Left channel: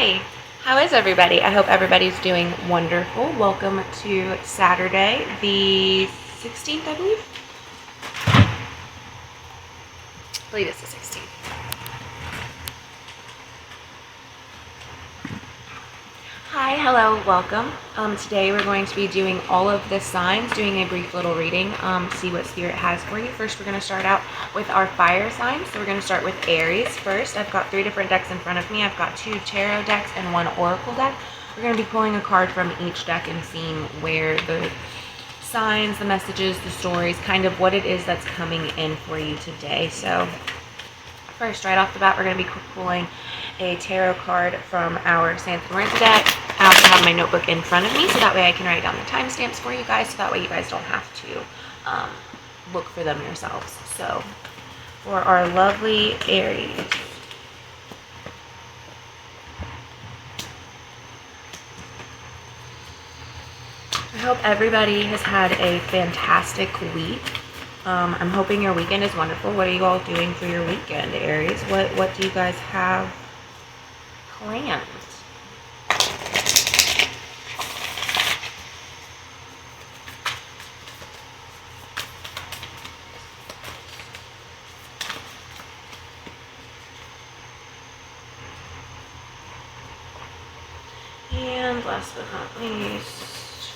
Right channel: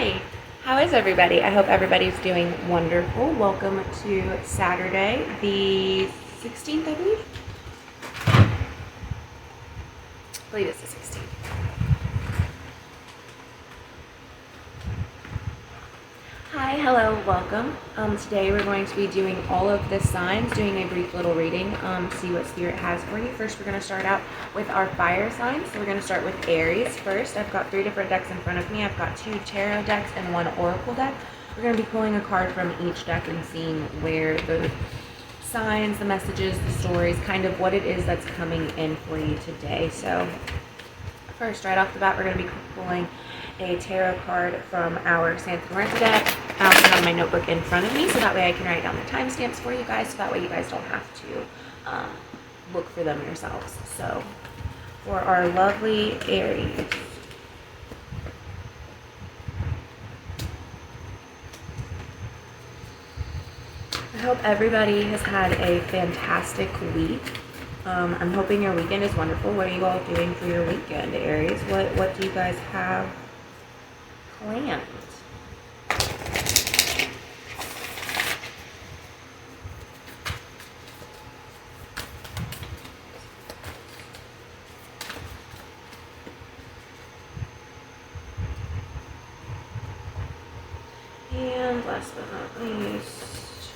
Hi, how is everybody? I hope everybody's doing wonderful. Welcome to Saturday, the 16th, I believe it's the 16th. Hi, hello, welcome. Today we're going to be doing all of the signs, doing a brief little reading, see what Spirit has for you. First, we're going to start out with our fire signs. So we're going to start with Aries first. I've got 3 different decks in front of me. I've got 2 tarot decks and 1 oracle deck. We're going to be pulling a card from each deck and seeing where the signs, the messages, the stories, kind of what it is that's coming in for you today. So first, right off the bat, we're going to be pulling a tarot card from our Ascendant deck. I also have my notebook in front of me, so that way I can write down the timestamps for you guys, so that way you guys don't have to look for them yourselves. So, for our lovely Aries, I hope everybody has had a fantastic week. I'm hoping your weekend is wonderful. What are you all doing for your weekend, Aries? What do you guys have planned? And last but not least,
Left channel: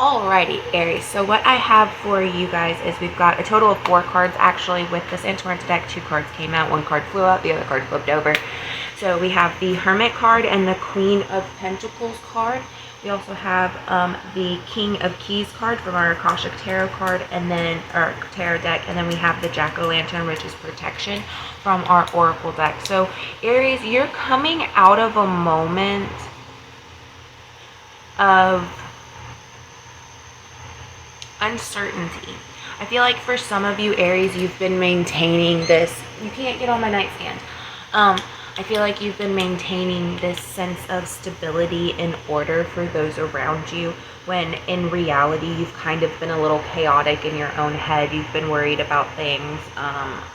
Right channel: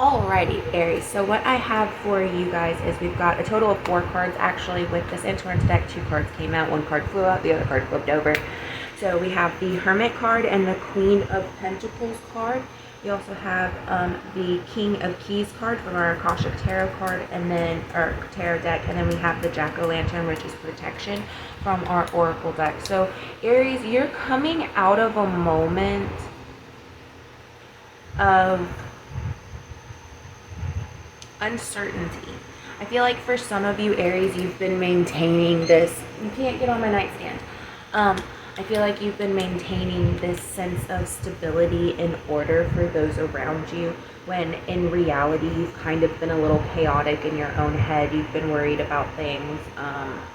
alrighty, Aries. So what I have for you guys is we've got a total of 4 cards actually with this Ascendant deck. 2 cards came out, 1 card flew out, the other card flipped over. So we have the Hermit card and the Queen of Pentacles card. We also have the King of Keys card from our Akashic Tarot card, and then our tarot deck, and then we have the Jack-o'-lantern, which is protection, from our Oracle deck. So Aries, you're coming out of a moment of uncertainty. I feel like for some of you, Aries, you've been maintaining this. You can't get on my nightstand. I feel like you've been maintaining this sense of stability and order for those around you, when in reality you've kind of been a little chaotic in your own head. You've been worried about things,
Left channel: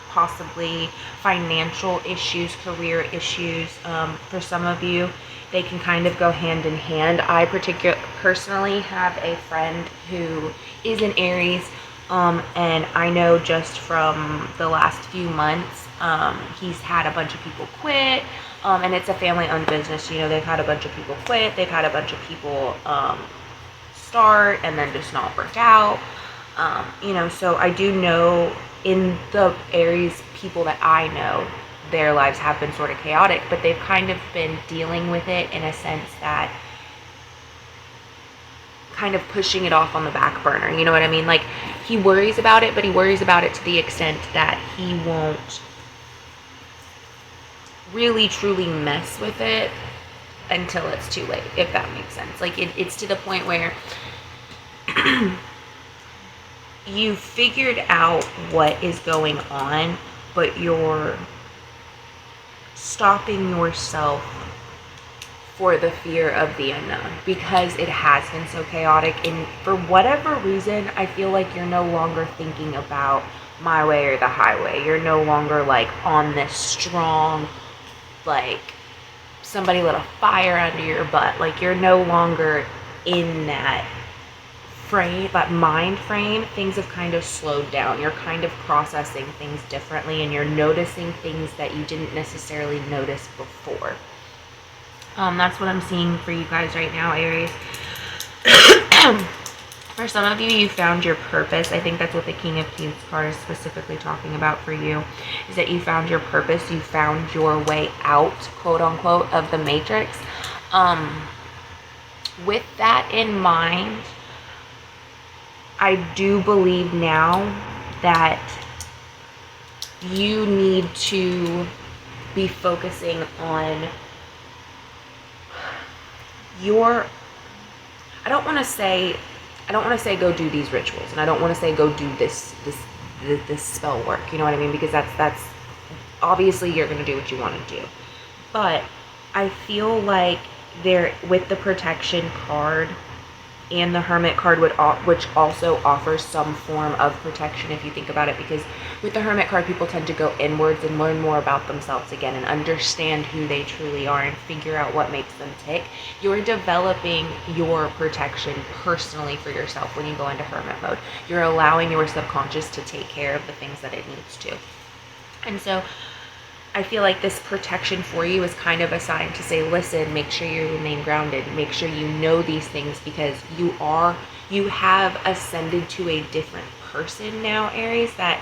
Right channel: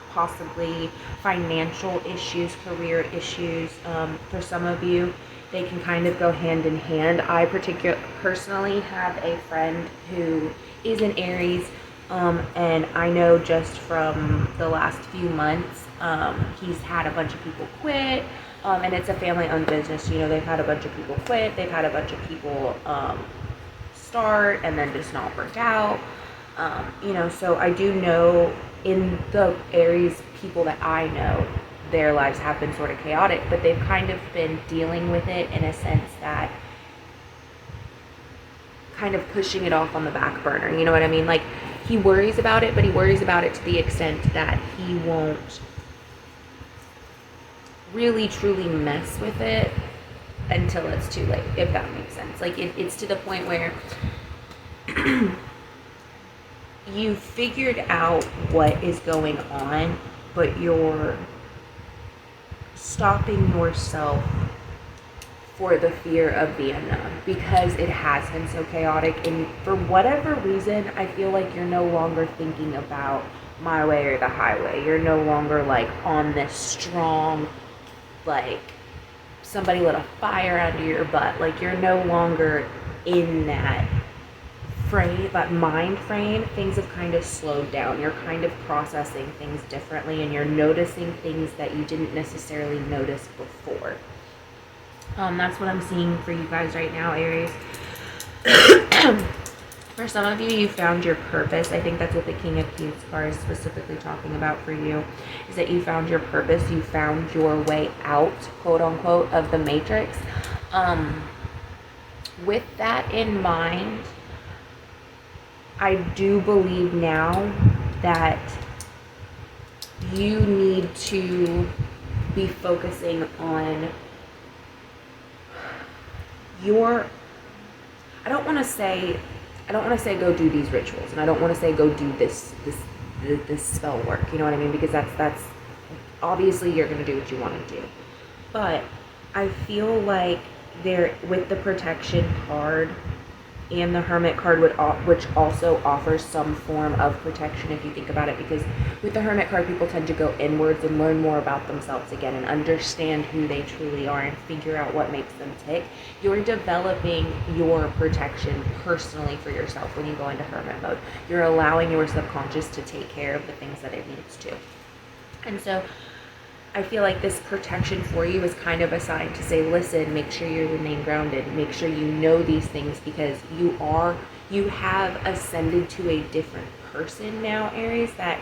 possibly financial issues, career issues. For some of you, they can kind of go hand in hand. I personally have a friend who is an Aries, and I know just from the last few months, he's had a bunch of people quit, and it's a family-owned business. You know, they've had a bunch of people quit, they've had a bunch of people start and then just not work out. You know, so I do know in the Aries people that I know, their lives have been sort of chaotic, but they've kind of been dealing with it in a sense that kind of pushing it off on the back burner. You know what I mean? Like, he worries about it, but he worries about it to the extent that he won't really truly mess with it until it's too late, if that makes sense. Like, it's to the point where you figured out what is going on, but you're stopping yourself for the fear of the unknown, because it has been so chaotic. And for whatever reason, I feel like you're no longer thinking about my way or the highway. You're no longer like on this strong, like somebody lit a fire under your butt. Like, you're no longer in that frame, that mind frame. Things have kind of slowed down. You're kind of processing things differently, and you're noticing things that you didn't necessarily notice before. That's what I'm seeing for you guys right now, Aries. For some of you, you found your purpose. I think that's what the King of Keys card is specifically talking about for you, is that you found your purpose. You found your way out, quote unquote, of the matrix. With that in mind, I do believe now that you need to be focusing on your, I don't want to say go do these rituals, and I don't want to say go do this spell work, you know what I mean? Because that's obviously you're going to do what you want to do. But I feel like there with the protection card and the Hermit card, which also offers some form of protection if you think about it, because with the Hermit card, people tend to go inwards and learn more about themselves again and understand who they truly are and figure out what makes them tick. You're developing your protection personally for yourself when you go into Hermit mode. You're allowing your subconscious to take care of the things that it needs to. And so I feel like this protection for you is kind of a sign to say, listen, make sure you remain grounded. Make sure you know these things, because you have ascended to a different person now, Aries, that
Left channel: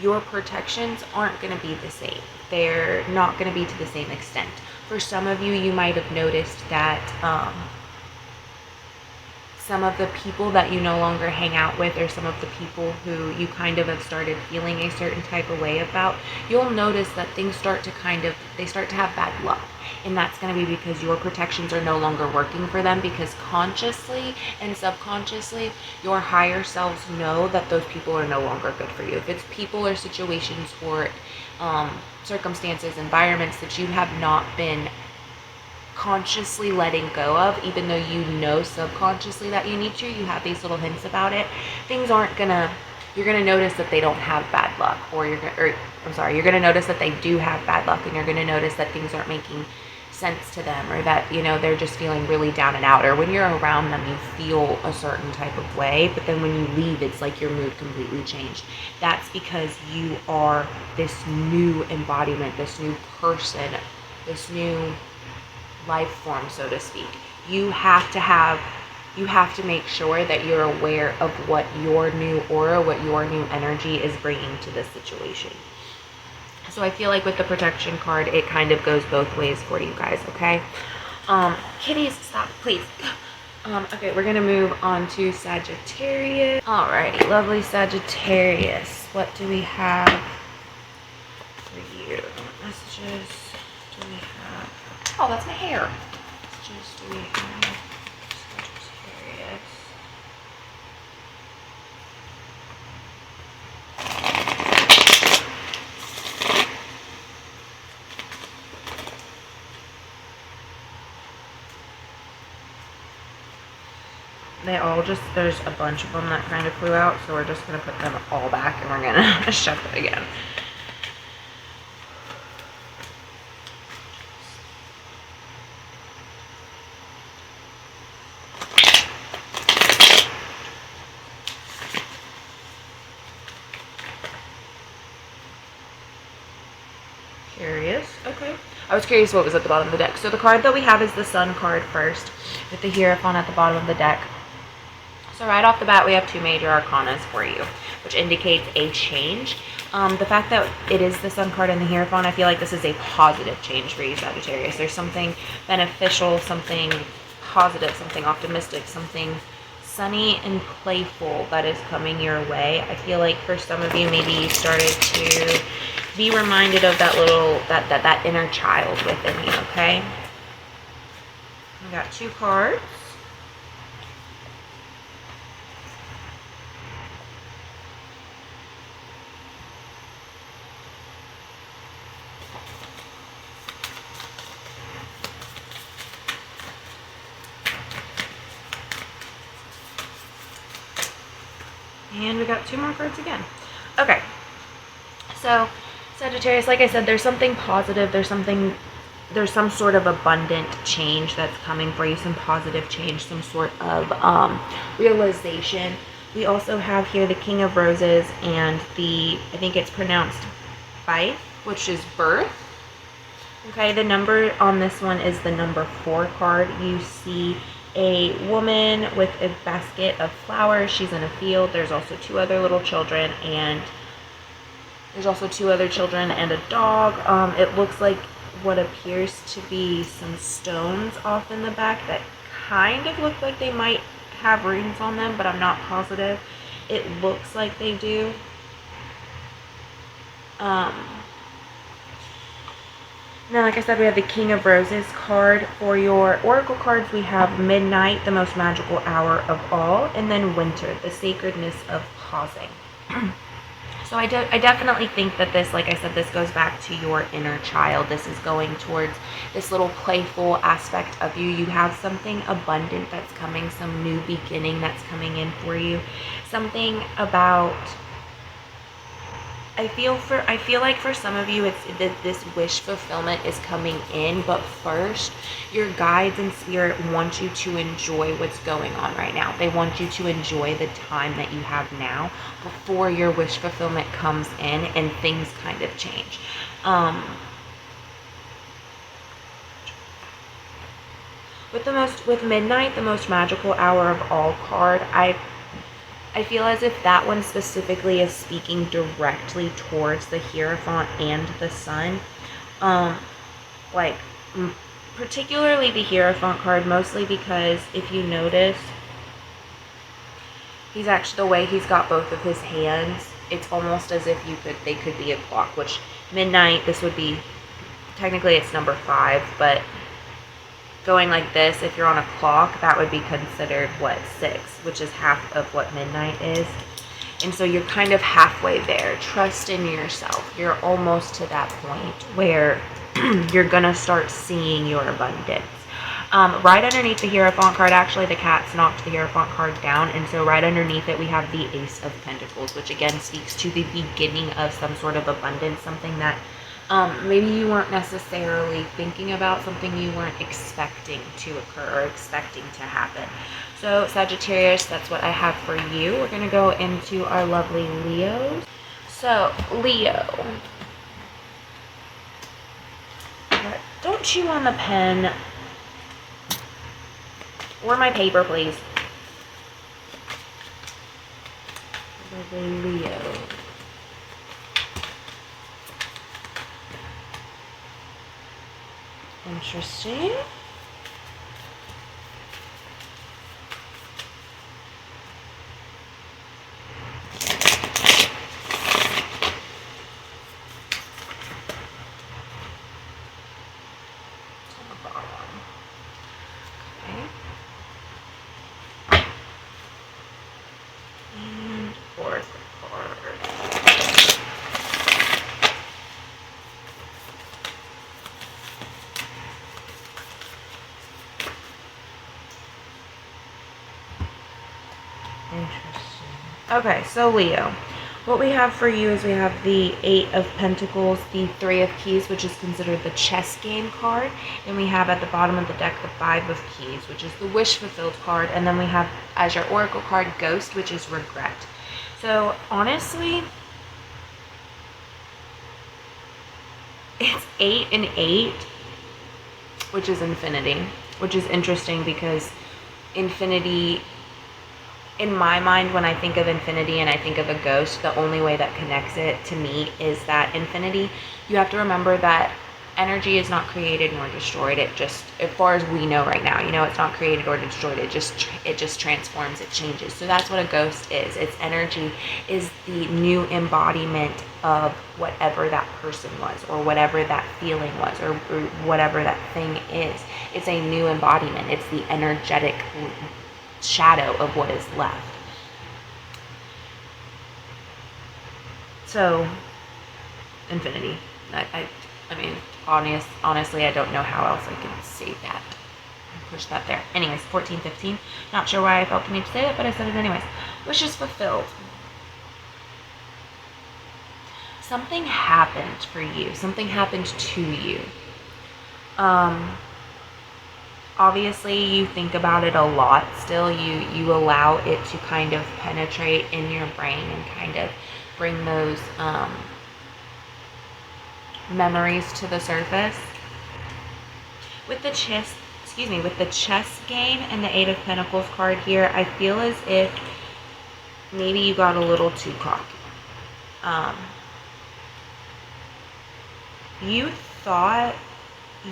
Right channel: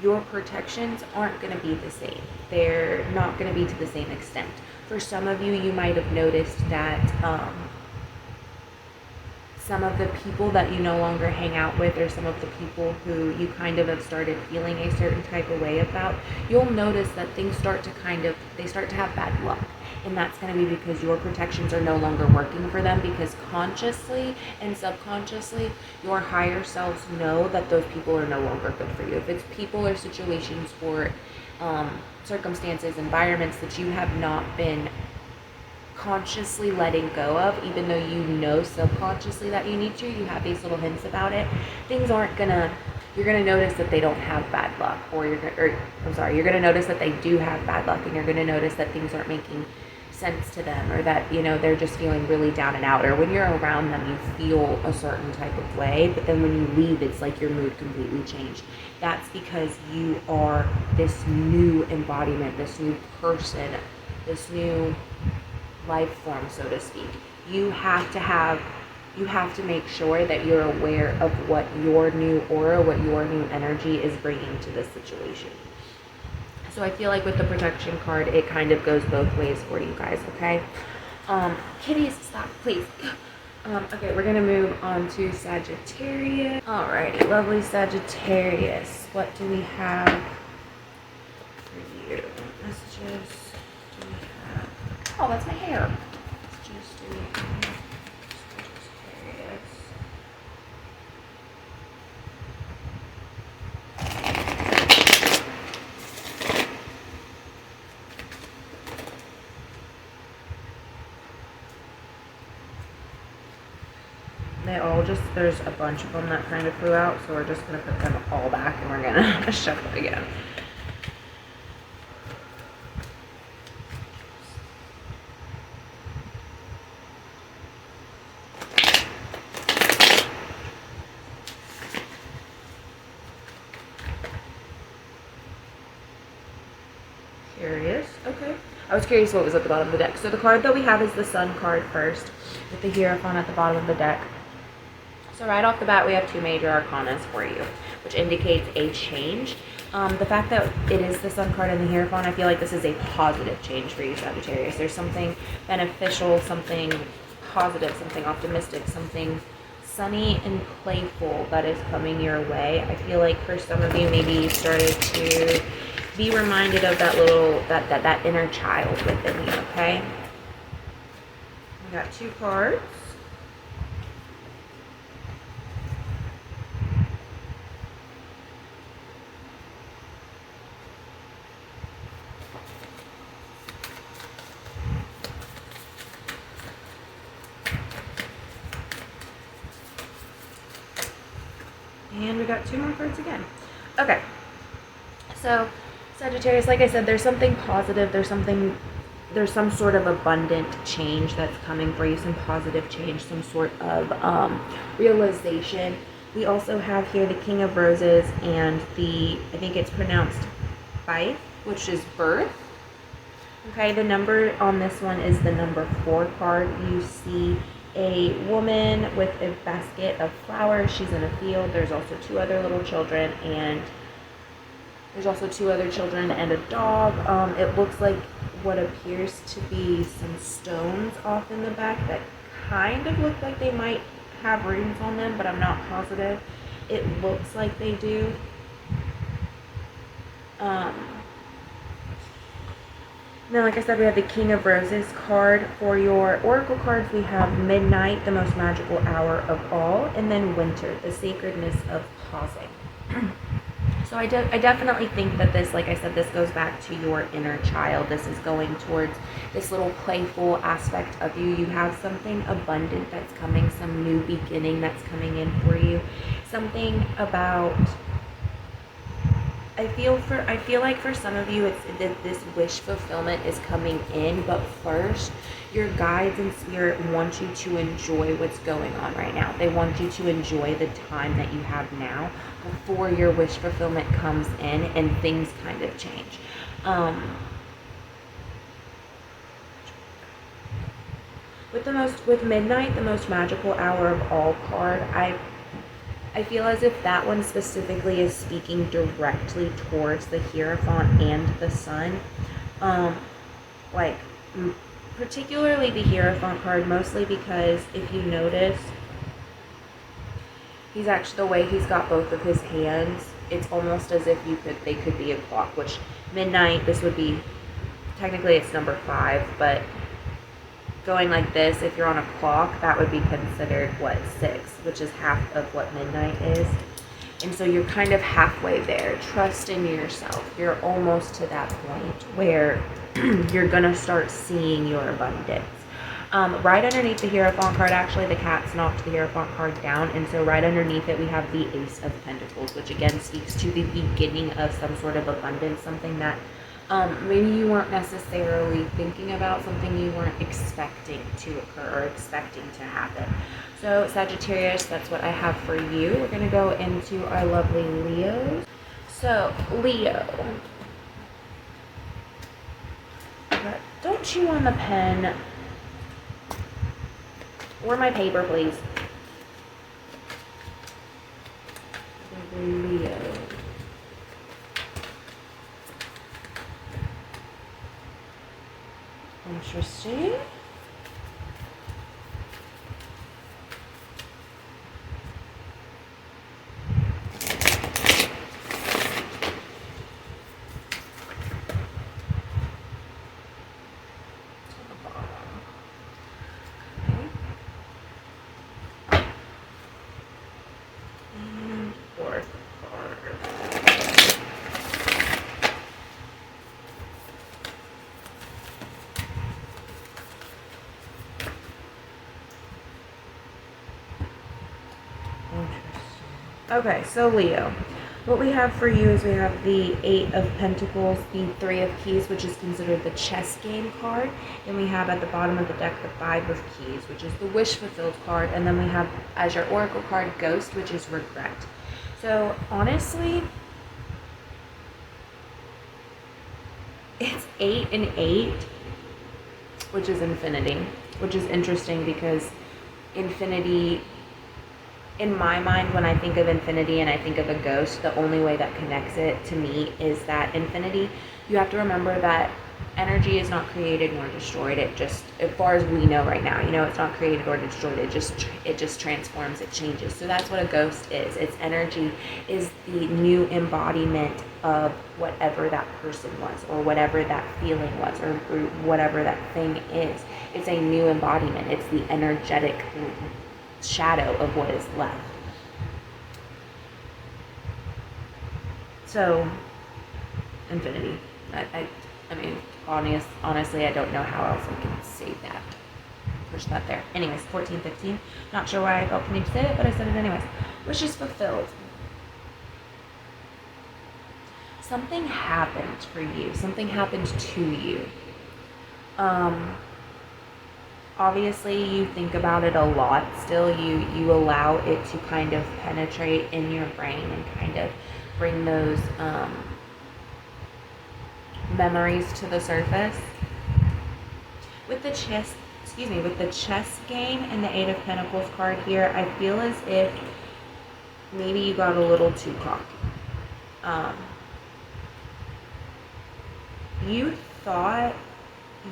your protections aren't going to be the same. They're not going to be to the same extent. For some of you, you might have noticed that some of the people that you no longer hang out with, or some of the people who you kind of have started feeling a certain type of way about, you'll notice that things start to they start to have bad luck. And that's going to be because your protections are no longer working for them, because consciously and subconsciously, your higher selves know that those people are no longer good for you. If it's people or situations or circumstances, environments that you have not been consciously letting go of, even though you know subconsciously that you need to, you have these little hints about it, things aren't gonna, you're gonna notice that they don't have bad luck, or you're gonna notice that they do have bad luck, and you're gonna notice that things aren't making sense to them, or that, you know, they're just feeling really down and out, or when you're around them you feel a certain type of way, but then when you leave it's like your mood completely changed. That's because you are this new embodiment, this new person, this new life form, so to speak. You have to make sure that you're aware of what your new aura, what your new energy is bringing to this situation. So I feel like with the protection card, it kind of goes both ways for you guys, okay? Kitties, stop, please. Okay, we're gonna move on to Sagittarius. Alrighty, lovely Sagittarius. What do we have for you? Messages do we have? Oh, that's my hair. Messages do we have? Sagittarius. They all just, there's a bunch of them that kind of flew out, so we're just going to put them all back and we're going to shuffle it again. Curious. Okay. I was curious what was at the bottom of the deck. So the card that we have is the Sun card first, with the Hierophant at the bottom of the deck. So right off the bat, we have two major arcanas for you, which indicates a change. The fact that it is the Sun card and the Hierophant, I feel like this is a positive change for you, Sagittarius. There's something beneficial, something positive, something optimistic, something sunny and playful that is coming your way. I feel like for some of you, maybe you started to be reminded of that little, that inner child within you, okay? I got two cards. And we got two more cards again. Okay. So, Sagittarius, like I said, there's something positive, there's some sort of abundant change that's coming for you, some positive change, some sort of realization. We also have here the King of Roses and I think it's pronounced Fife, which is birth. Okay, the number on this one is the number 4 card. You see a woman with a basket of flowers. She's in a field. There's also two other children and a dog. It looks like what appears to be some stones off in the back that kind of look like they might have runes on them, but I'm not positive. It looks like they do. Then, like I said, we have the King of Roses card. For your oracle cards, we have midnight, the most magical hour of all, and then winter, the sacredness of pausing. So I definitely think that this, like I said, this goes back to your inner child. This is going towards this little playful aspect of you. You have something abundant that's coming, some new beginning that's coming in for you. Something about, I feel like for some of you, it's that this wish fulfillment is coming in, but first, your guides and spirit want you to enjoy what's going on right now. They want you to enjoy the time that you have now before your wish fulfillment comes in and things kind of change. With midnight, the most magical hour of all card, I feel as if that one specifically is speaking directly towards the Hierophant and the Sun. Particularly the Hierophant card, mostly because if you notice, he's actually, the way he's got both of his hands, it's almost as if they could be a clock, which midnight, this would be, technically it's number 5, but going like this, if you're on a clock, that would be considered, 6, which is half of what midnight is. And so you're kind of halfway there. Trust in yourself. You're almost to that point where you're going to start seeing your abundance. Right underneath the Hierophant card, actually, the cat's knocked the Hierophant card down. And so right underneath it, we have the Ace of Pentacles, which again speaks to the beginning of some sort of abundance, something that maybe you weren't necessarily thinking about, something you weren't expecting to occur or expecting to happen. So Sagittarius, that's what I have for you. We're going to go into our lovely Leos. So Leo, don't chew on the pen or my paper, please. Lovely Leo. Interesting. And fourth card. Okay, so Leo, what we have for you is we have the 8 of Pentacles, the 3 of Keys, which is considered the chess game card, and we have at the bottom of the deck the 5 of Keys, which is the wish fulfilled card, and then we have as your oracle card Ghost, which is regret. So honestly, it's 8 and 8, which is infinity, which is interesting because infinity, in my mind, when I think of infinity and I think of a ghost, the only way that connects it to me is that infinity, you have to remember that energy is not created nor destroyed. It just, as far as we know right now, it's not created or destroyed. It just transforms, it changes. So that's what a ghost is. Its energy is the new embodiment of whatever that person was, or whatever that feeling was, or whatever that thing is. It's a new embodiment. It's the energetic shadow of what is left. So infinity, I mean, honestly, I don't know how else I can say that. Push that there. Anyways, 14, 15. Not sure why I felt the need to say it, but I said it anyways. Wishes fulfilled. Something happened for you. Something happened to you. Obviously, you think about it a lot still. You allow it to kind of penetrate in your brain and kind of bring those memories to the surface. With the chess game and the 8 of Pentacles card here, I feel as if maybe you got a little too cocky. You thought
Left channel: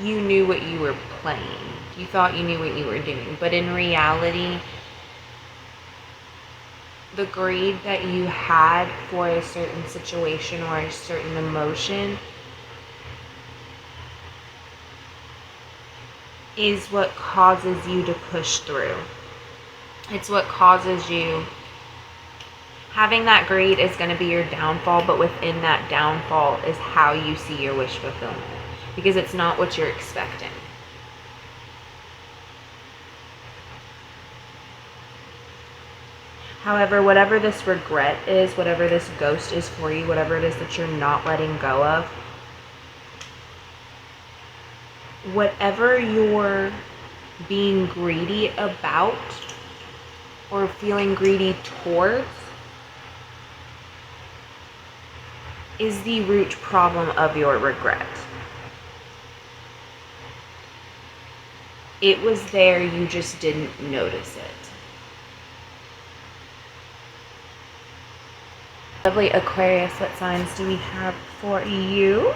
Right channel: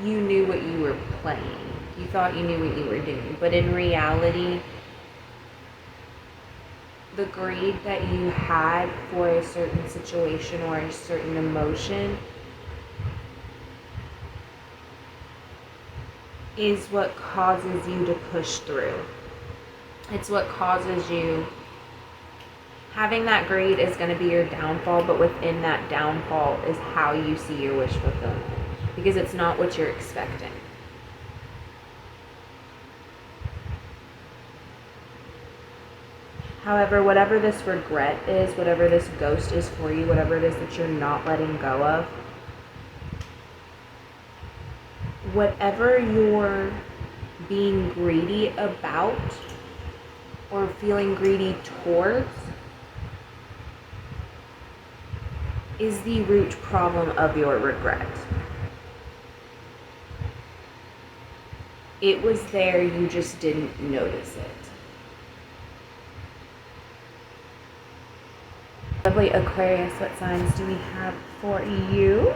you knew what you were playing. You thought you knew what you were doing. But in reality, the greed that you had for a certain situation or a certain emotion is what causes you to push through. It's what causes you Having that greed is going to be your downfall, but within that downfall is how you see your wish fulfillment, because it's not what you're expecting. However, whatever this regret is, whatever this ghost is for you, whatever it is that you're not letting go of, whatever you're being greedy about or feeling greedy towards is the root problem of your regret. It was there, you just didn't notice it. Lovely Aquarius, what signs do we have for you?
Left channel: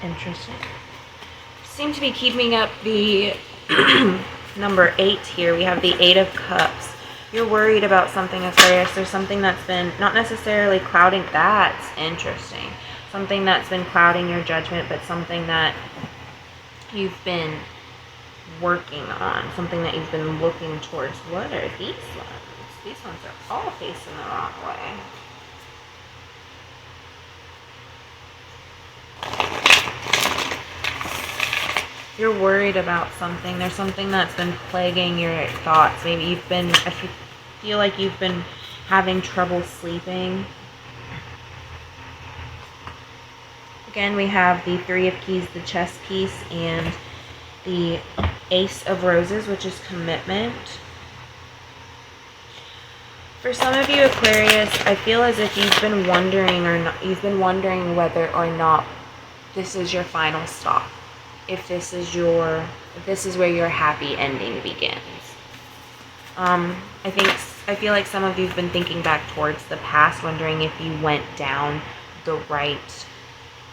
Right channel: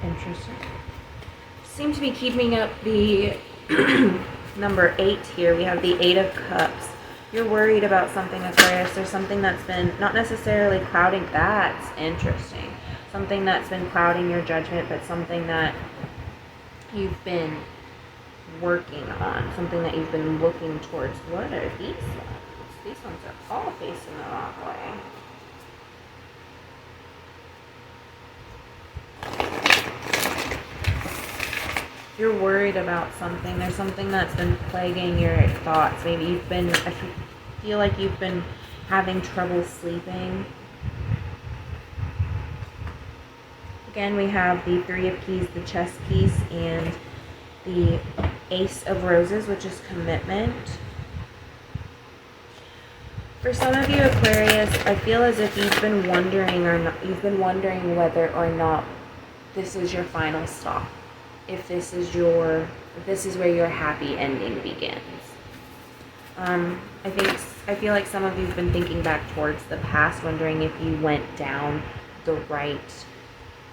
Interesting. Seem to be keeping up the number 8 here. We have the 8 of Cups. You're worried about something, Aquarius. There's something that's been not necessarily clouding. That's interesting. Something that's been clouding your judgment, but something that you've been working on. Something that you've been looking towards. What are these ones? These ones are all facing the wrong way. You're worried about something. There's something that's been plaguing your thoughts. Maybe you've been, I feel like you've been having trouble sleeping. Again, we have the 3 of Keys, the chess piece, and the Ace of Roses, which is commitment. For some of you, Aquarius, I feel as if you've been wondering whether or not this is your final stop. If this is where your happy ending begins. I feel like some of you've been thinking back towards the past, wondering if you went down the right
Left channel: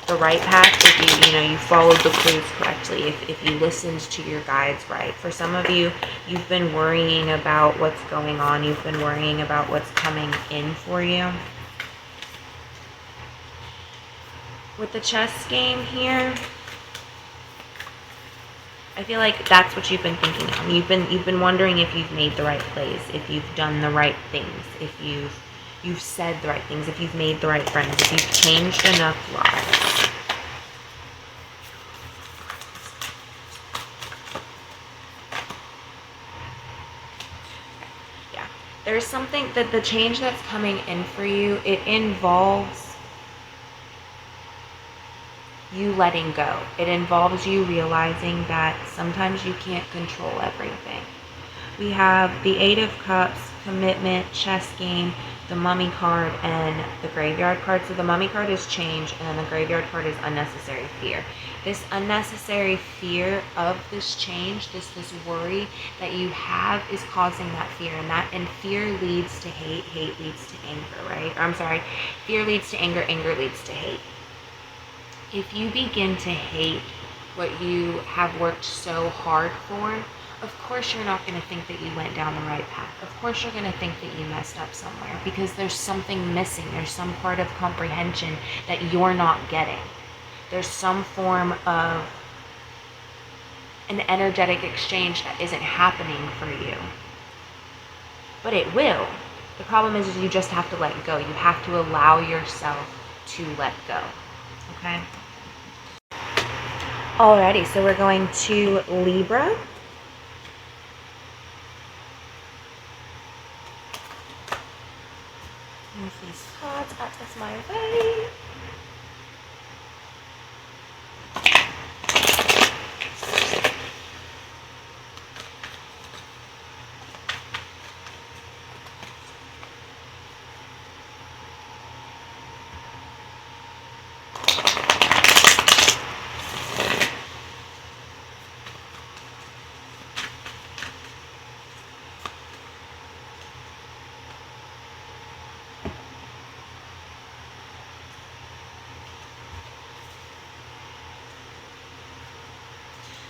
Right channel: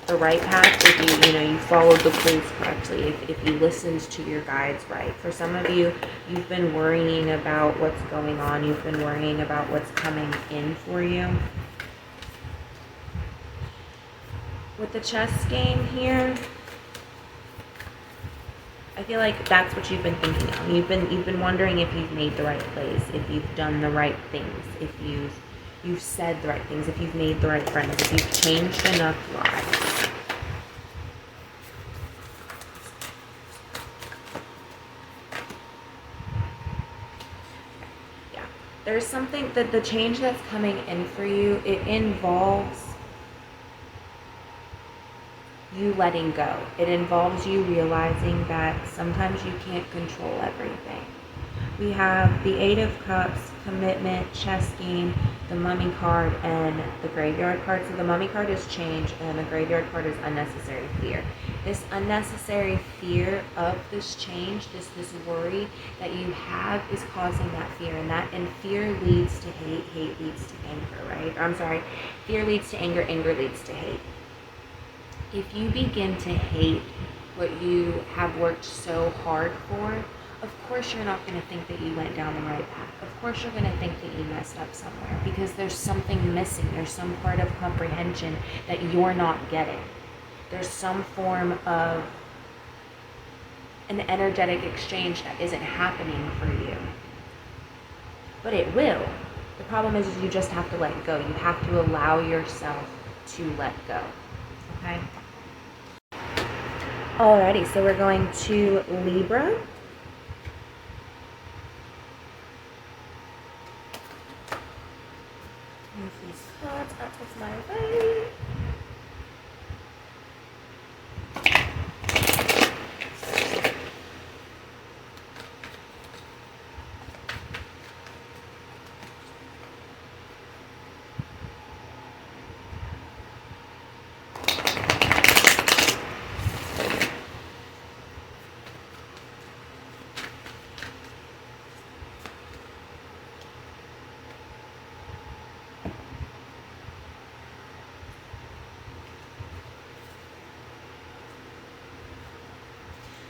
path, if you followed the clues correctly, if you listened to your guides right. For some of you, you've been worrying about what's going on. You've been worrying about what's coming in for you. With the chess game here, I feel like that's what you've been thinking of. You've been wondering if you've made the right plays, if you've done the right things, if you've said the right things, if you've made the right friends, if you've changed enough lives. Yeah. There's something that the change that's coming in for you, it involves you letting go. It involves you realizing that sometimes you can't control everything. We have the 8 of Cups, commitment, chess game, the Mummy card, and the Graveyard card. So the Mummy card is change, and the Graveyard card is unnecessary fear. This unnecessary fear of this change, this worry that you have is causing that fear, and fear leads to hate, hate leads to anger, right? Or, I'm sorry, fear leads to anger, anger leads to hate. If you begin to hate what you have worked so hard for, of course you're not going to think that you went down the right path. Of course you're going to think that you messed up somewhere, because there's something missing. There's some part of comprehension that you're not getting. There's some form of an energetic exchange that isn't happening for you. But it will. The problem is you just have to let go. You have to allow yourself to let go. Okay? Alrighty, so we're going to Libra. Move these cards out of my way.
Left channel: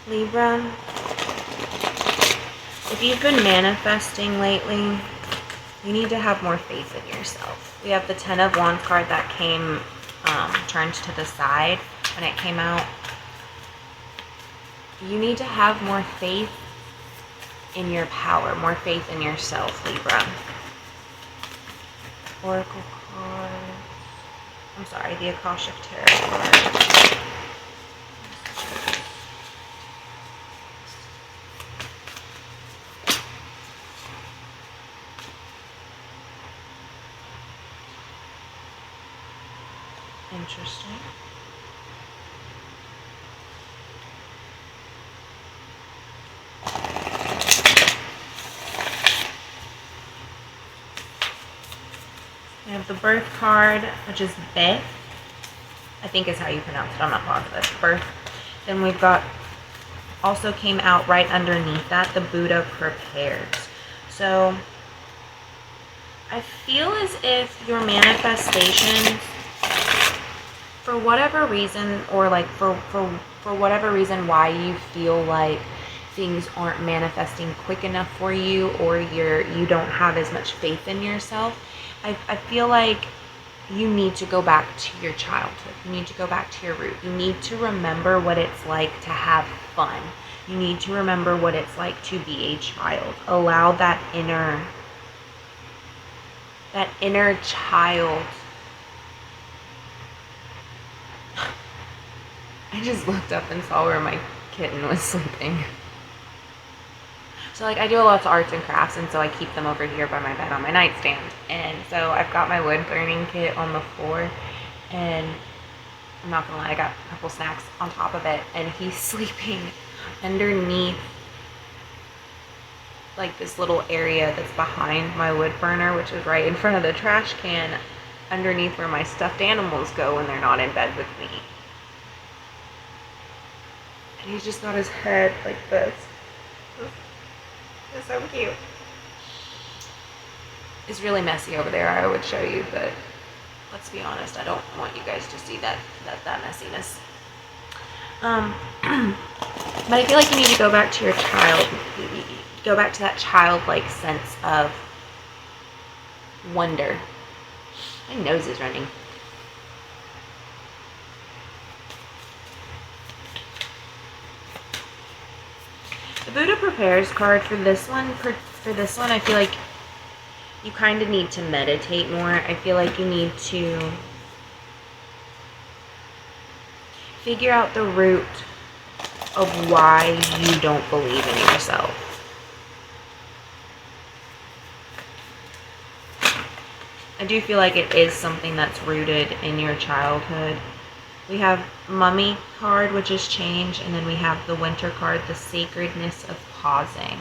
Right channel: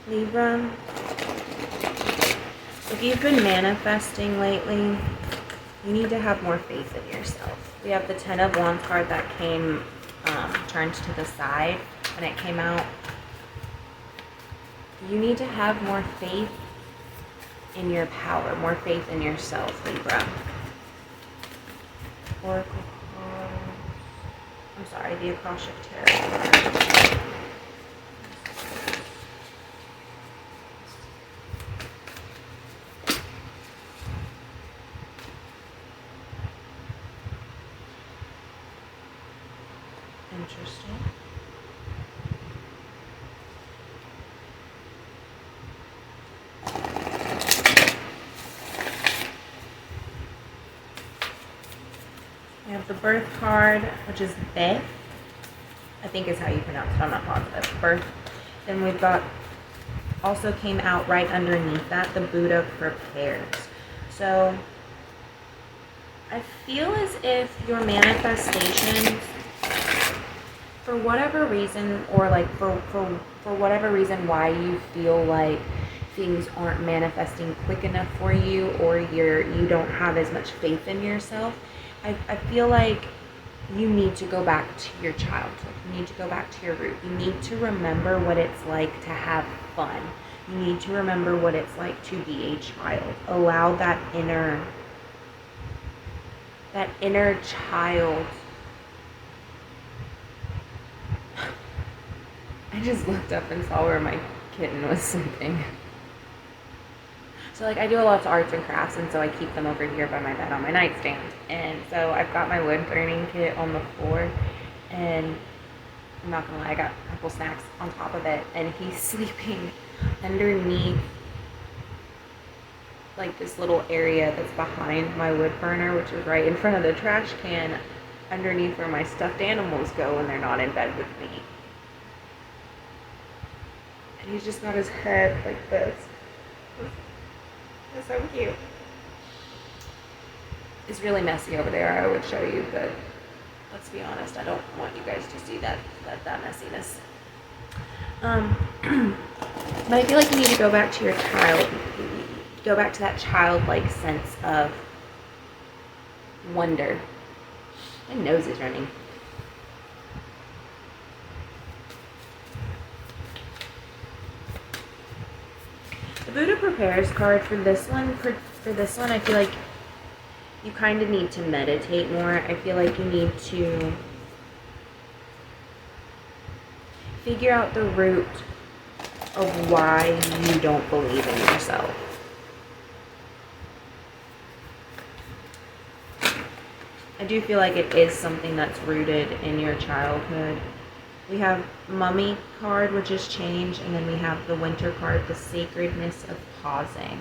Libra, if you've been manifesting lately, you need to have more faith in yourself. We have the 10 of Wands card that came turned to the side when it came out. You need to have more faith in your power, more faith in yourself, Libra. Oracle card. I'm sorry, the Akashic Tarot card. Interesting. We have the birth card, which is Beth. I think is how you pronounce it. I'm not positive. Birth. Then we've got, also came out right underneath that, the Buddha prepares. So I feel as if your manifestations, for whatever reason, or like for whatever reason why you feel like things aren't manifesting quick enough for you, or you don't have as much faith in yourself, I feel like you need to go back to your childhood. You need to go back to your root. You need to remember what it's like to have fun. You need to remember what it's like to be a child. Allow that inner child. I just looked up and saw where my kitten was sleeping. So like I do a lot of arts and crafts, and so I keep them over here by my bed on my nightstand. And so I've got my wood burning kit on the floor, and I'm not gonna lie, I got a couple snacks on top of it, and he's sleeping underneath like this little area that's behind my wood burner, which is right in front of the trash can, underneath where my stuffed animals go when they're not in bed with me. And he's just got his head like this. It's so cute. It's really messy over there. I would show you, but let's be honest, I don't want you guys to see that messiness. But I feel like you need to go back to your child. Go back to that childlike sense of wonder. My nose is running. The Buddha prepares card for this one. For this one, I feel like you kind of need to meditate more. I feel like you need to figure out the root of why you don't believe in yourself. I do feel like it is something that's rooted in your childhood. We have Mummy card, which is change, and then we have the Winter card, the sacredness of pausing,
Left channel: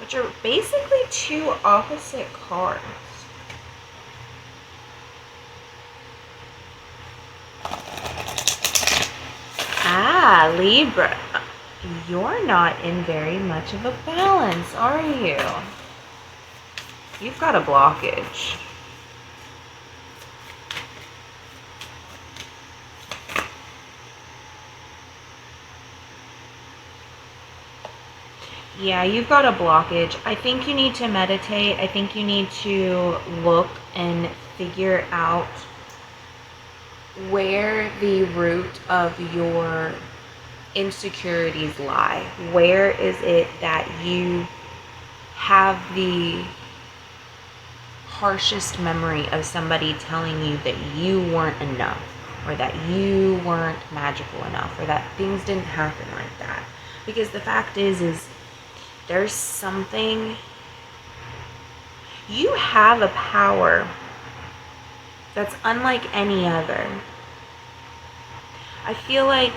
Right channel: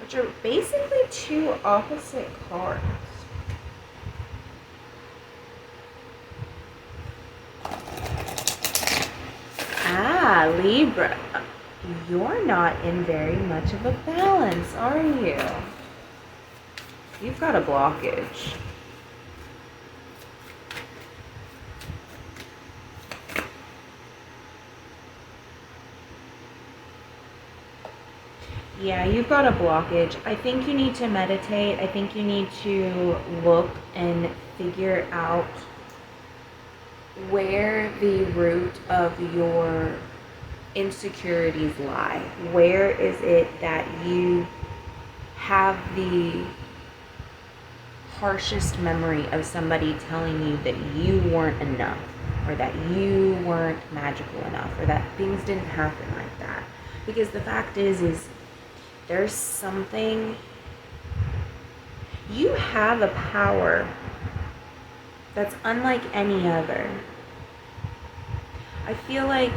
which are basically two opposite cards. Ah, Libra, you're not in very much of a balance, are you? You've got a blockage. Yeah, you've got a blockage. I think you need to meditate. I think you need to look and figure out where the root of your insecurities lie. Where is it that you have the harshest memory of somebody telling you that you weren't enough, or that you weren't magical enough, or that things didn't happen like that? Because the fact is there's something, you have a power that's unlike any other. I feel like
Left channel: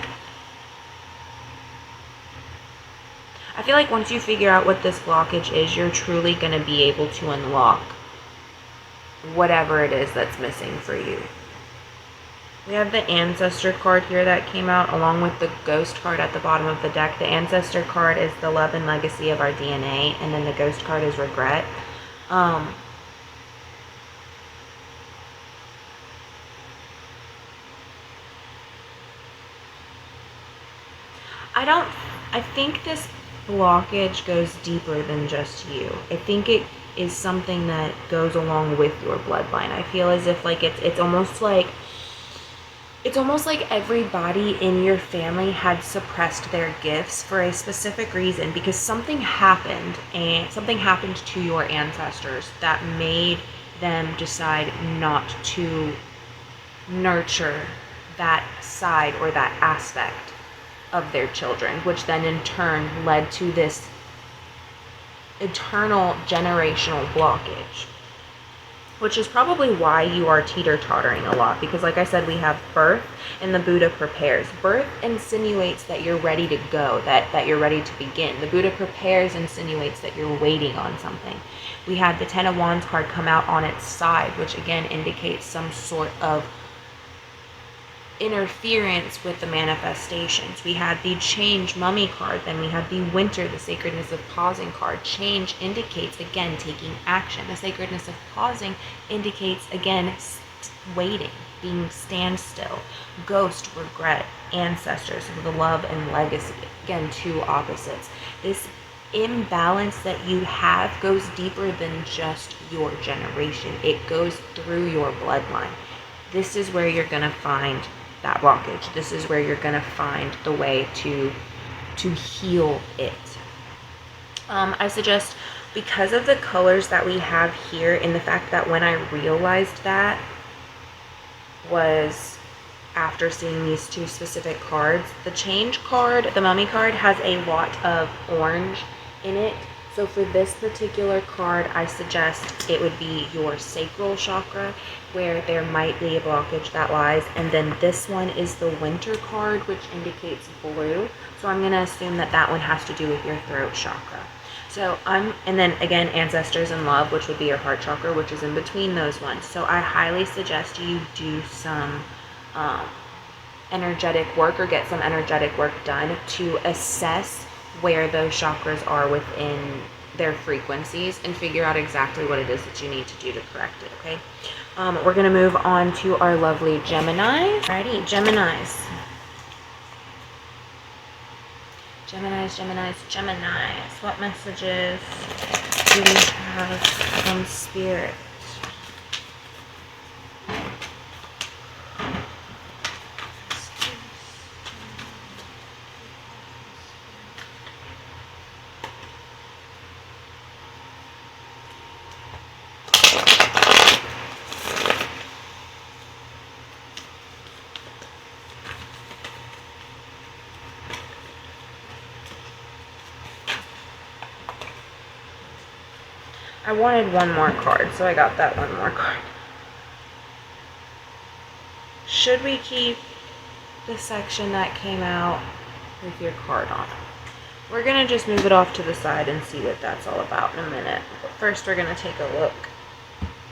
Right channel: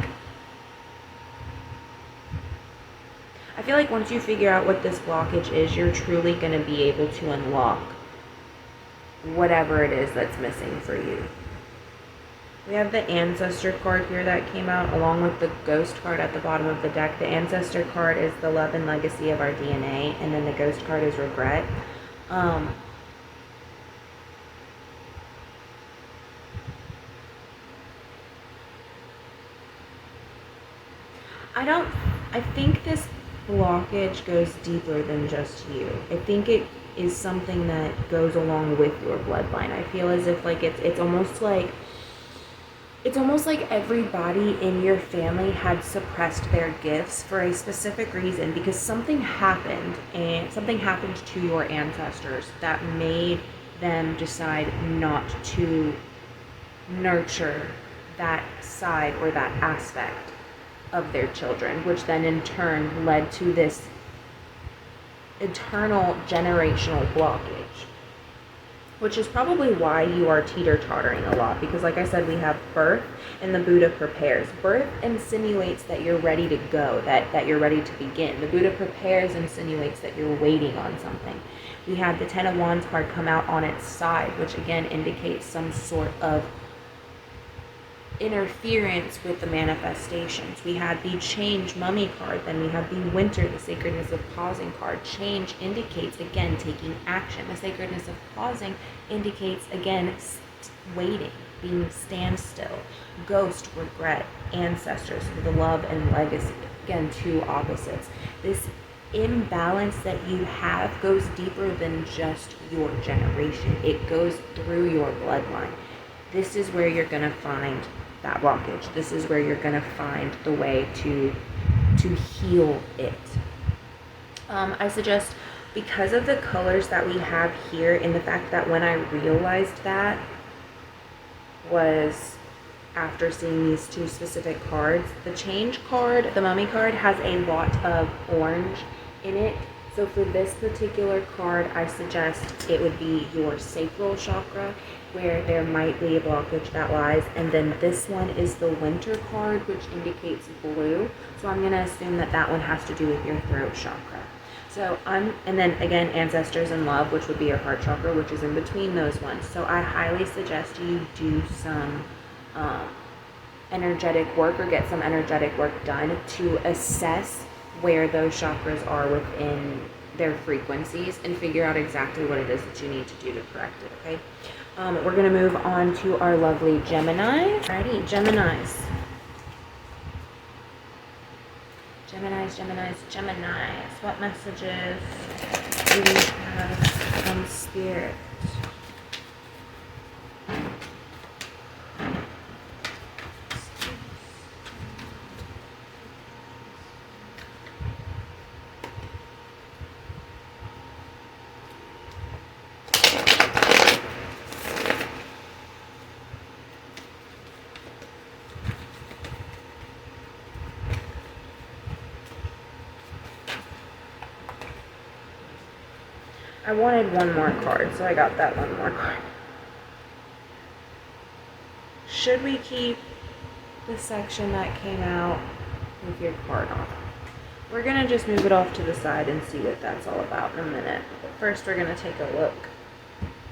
once you figure out what this blockage is, you're truly going to be able to unlock whatever it is that's missing for you. We have the Ancestor card here that came out along with the Ghost card at the bottom of the deck. The Ancestor card is the love and legacy of our DNA, and then the Ghost card is regret. I think this blockage goes deeper than just you. I think it is something that goes along with your bloodline. I feel as if like it's almost like everybody in your family had suppressed their gifts for a specific reason, because something happened to your ancestors that made them decide not to nurture that side or that aspect of their children, which then in turn led to this eternal generational blockage, which is probably why you are teeter-tottering a lot, because like I said, we have birth and the Buddha prepares. Birth insinuates that you're ready to go, that you're ready to begin. The Buddha prepares insinuates that you're waiting on something. We had the Ten of Wands card come out on its side, which again indicates some sort of interference with the manifestations. We had the Change Mummy card, then we had the Winter, the Sacredness of Pausing card. Change indicates, again, taking action. The Sacredness of Pausing indicates, again, waiting, being standstill. Ghost, regret, ancestors, the love and legacy. Again, two opposites. This imbalance that you have goes deeper than just your generation. It goes through your bloodline. This is where you're going to find that blockage. This is where you're going to find the way to heal it. I suggest, because of the colors that we have here, and the fact that when I realized that was after seeing these two specific cards, the Change card, the Mummy card, has a lot of orange in it. So for this particular card, I suggest it would be your sacral chakra, where there might be a blockage that lies. And then this one is the Winter card, which indicates blue. So I'm going to assume that that one has to do with your throat chakra. So and then again, ancestors and love, which would be your heart chakra, which is in between those ones. So I highly suggest you do some energetic work, or get some energetic work done to assess where those chakras are within their frequencies, and figure out exactly what it is that you need to do to correct it, okay? We're going to move on to our lovely Gemini. Alrighty, Geminis. Geminis. What messages do we have from Spirit? I wanted one more card, so I got that one more card. Should we keep the section that came out with your card on it? We're going to just move it off to the side and see what that's all about in a minute. But first, we're going to take a look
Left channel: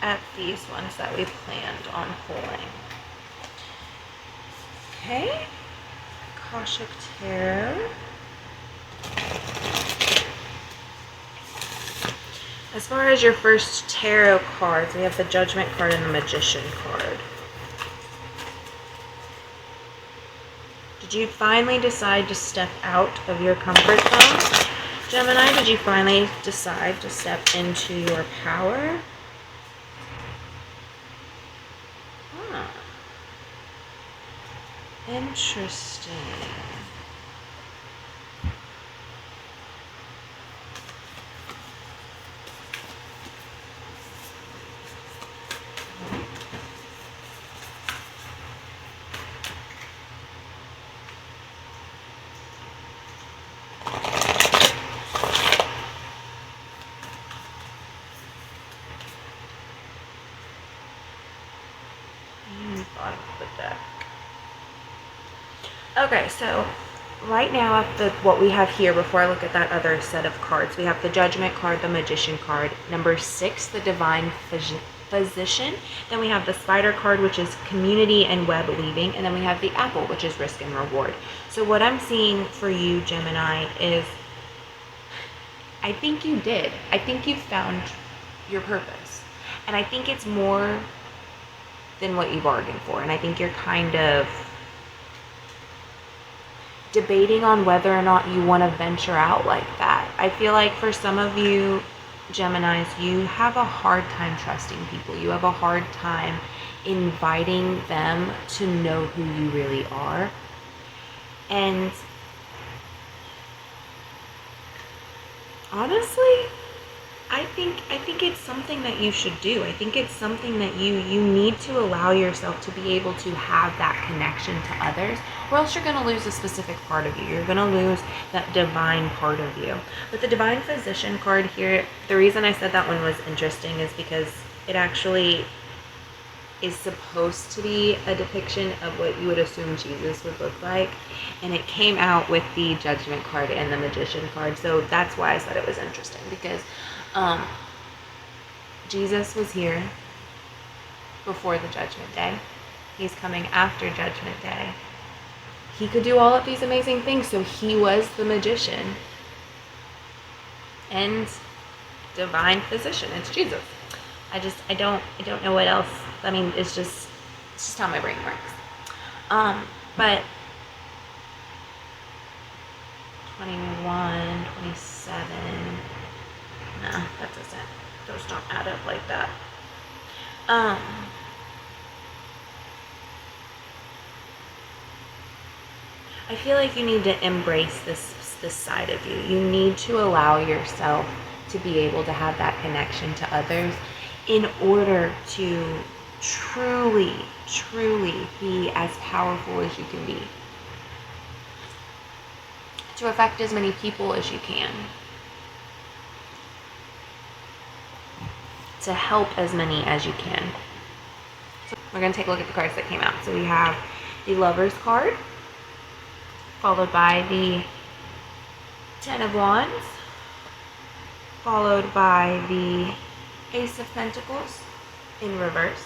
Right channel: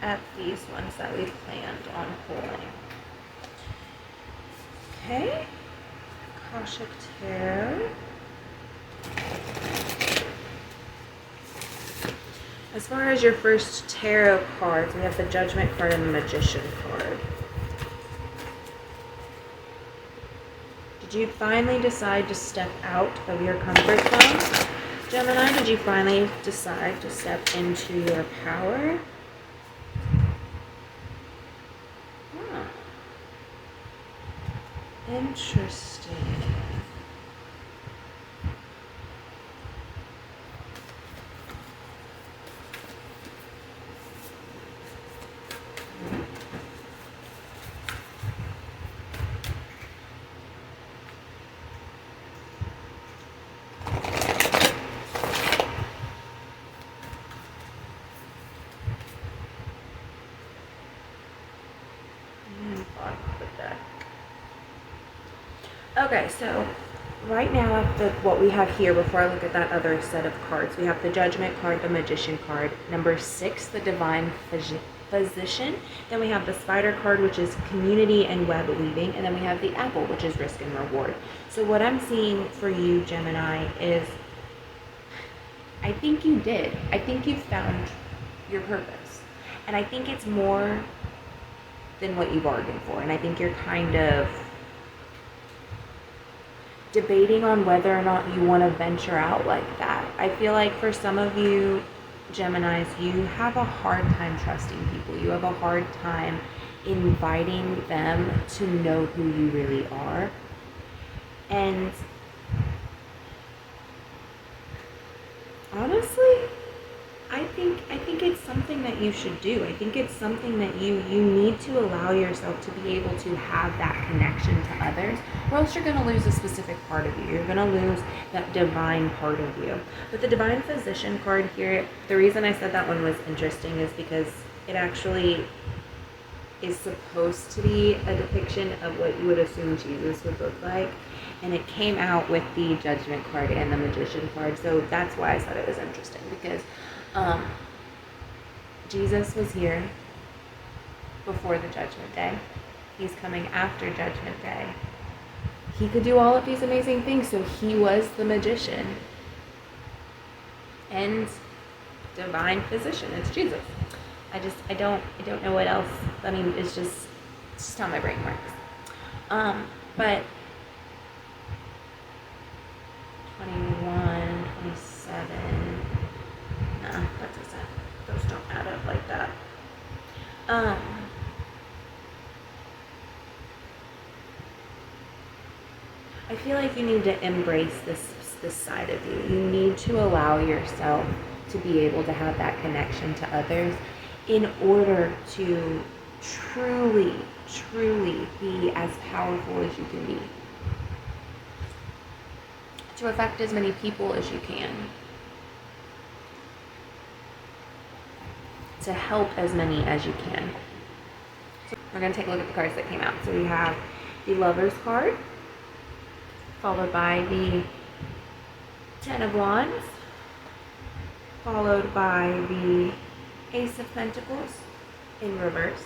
at these ones that we planned on pulling. Okay. Akashic Tarot. As far as your first tarot cards, we have the Judgment card and the Magician card. Did you finally decide to step out of your comfort zone? Gemini, did you finally decide to step into your power? Huh. Interesting. Okay, so right now, what we have here, before I look at that other set of cards, we have the Judgment card, the Magician card, number 6, the Divine Physician. Then we have the Spider card, which is community and web weaving. And then we have the Apple, which is risk and reward. So what I'm seeing for you, Gemini, is I think you did. I think you found your purpose. And I think it's more than what you bargained for. And I think you're kind of debating on whether or not you want to venture out like that. I feel like for some of you Geminis, you have a hard time trusting people. You have a hard time inviting them to know who you really are. And honestly, I think it's something that you should do. I think it's something that you need to allow yourself to be able to have that connection to others, or else you're going to lose a specific part of you. You're going to lose that divine part of you. But the Divine Physician card here, the reason I said that one was interesting is because it actually is supposed to be a depiction of what you would assume Jesus would look like, and it came out with the Judgment card and the Magician card. So that's why I said it was interesting, because Jesus was here before the Judgment Day. He's coming after Judgment Day. He could do all of these amazing things, so he was the magician and divine physician. It's Jesus. I don't know what else. I mean, it's just how my brain works. But 21, 27. No, that doesn't. Those don't add up like that. I feel like you need to embrace this side of you. You need to allow yourself to be able to have that connection to others in order to truly, truly be as powerful as you can be. To affect as many people as you can. To help as many as you can. So we're going to take a look at the cards that came out. So we have the Lovers card, followed by the Ten of Wands, followed by the Ace of Pentacles in reverse,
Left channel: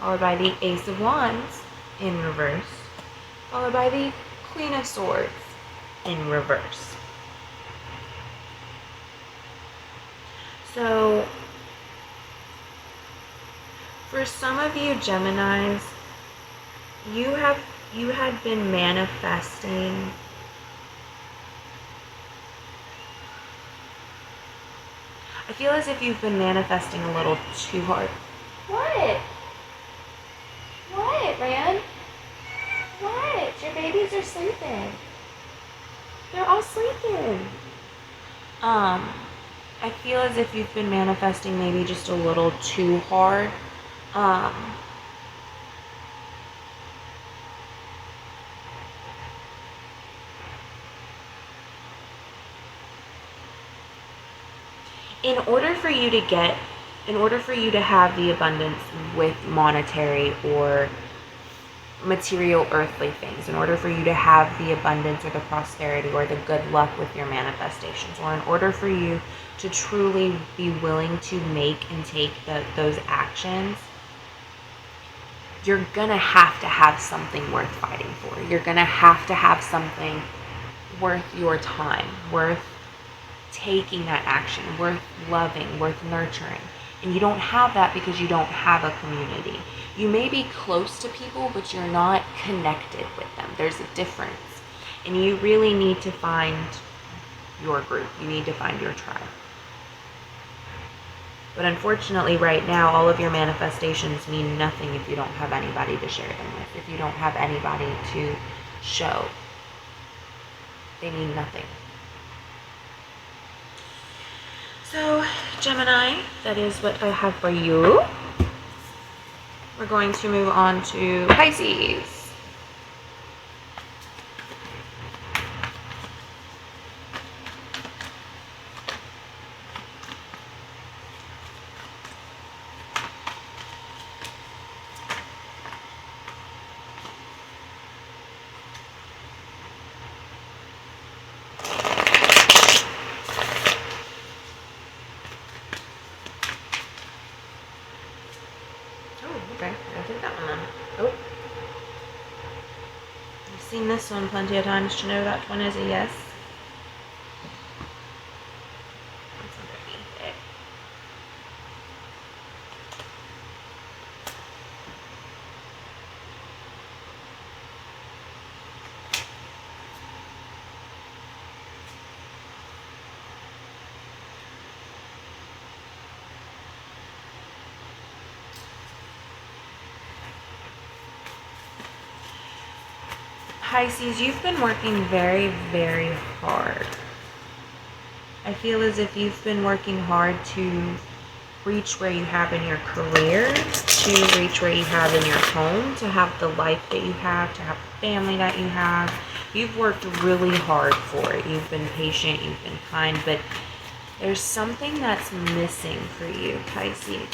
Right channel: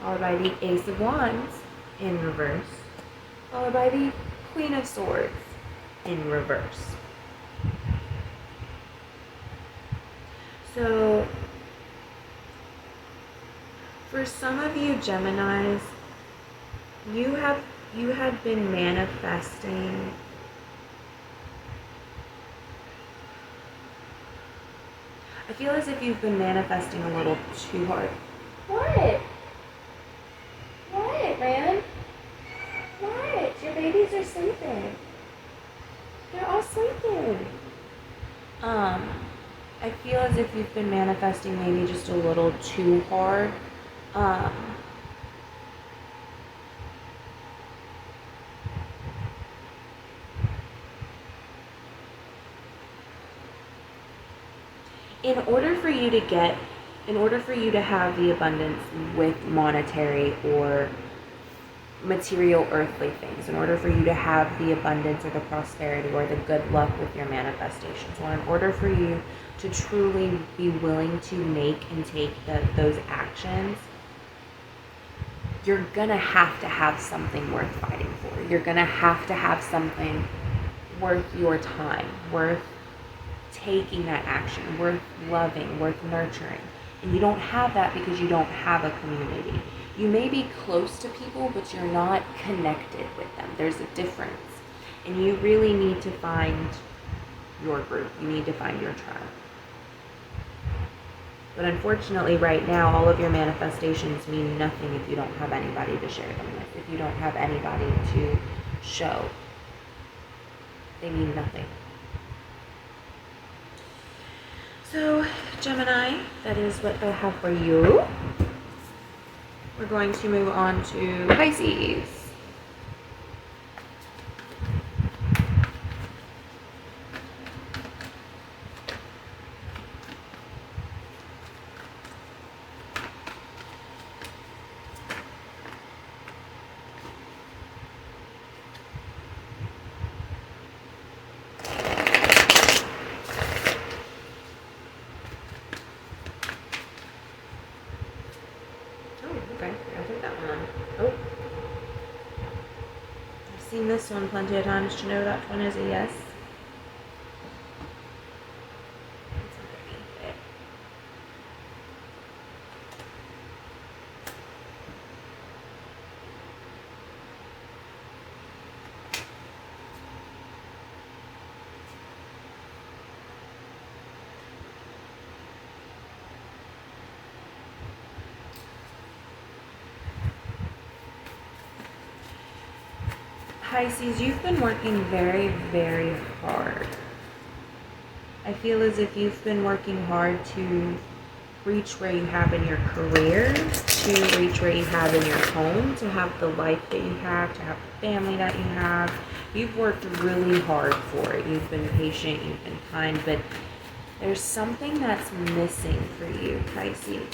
followed by the Ace of Wands in reverse, followed by the Queen of Swords in reverse. So for some of you Geminis, you had been manifesting I feel as if you've been manifesting a little too hard. What? What, man? What? Your babies are sleeping. They're all sleeping. I feel as if you've been manifesting maybe just a little too hard. In order for you to have the abundance with monetary or material earthly things, in order for you to have the abundance or the prosperity or the good luck with your manifestations, or in order for you to truly be willing to make and take those actions, you're gonna have to have something worth fighting for. You're gonna have to have something worth your time, worth taking that action, worth loving, worth nurturing. And you don't have that because you don't have a community. You may be close to people, but you're not connected with them. There's a difference. And you really need to find your group. You need to find your tribe. But unfortunately, right now, all of your manifestations mean nothing if you don't have anybody to share them with. If you don't have anybody to show, they mean nothing. So, Gemini, that is what I have for you. We're going to move on to Pisces. Okay, I'll take that one then. Oh. I've seen this one plenty of times to know that one is a yes. What's underneath it? Pisces, you've been working very, very hard. I feel as if you've been working hard to reach where you have in your career, to reach where you have in your home, to have the life that you have, to have the family that you have. You've worked really hard for it. You've been patient, you've been kind, but there's something that's missing for you, Pisces.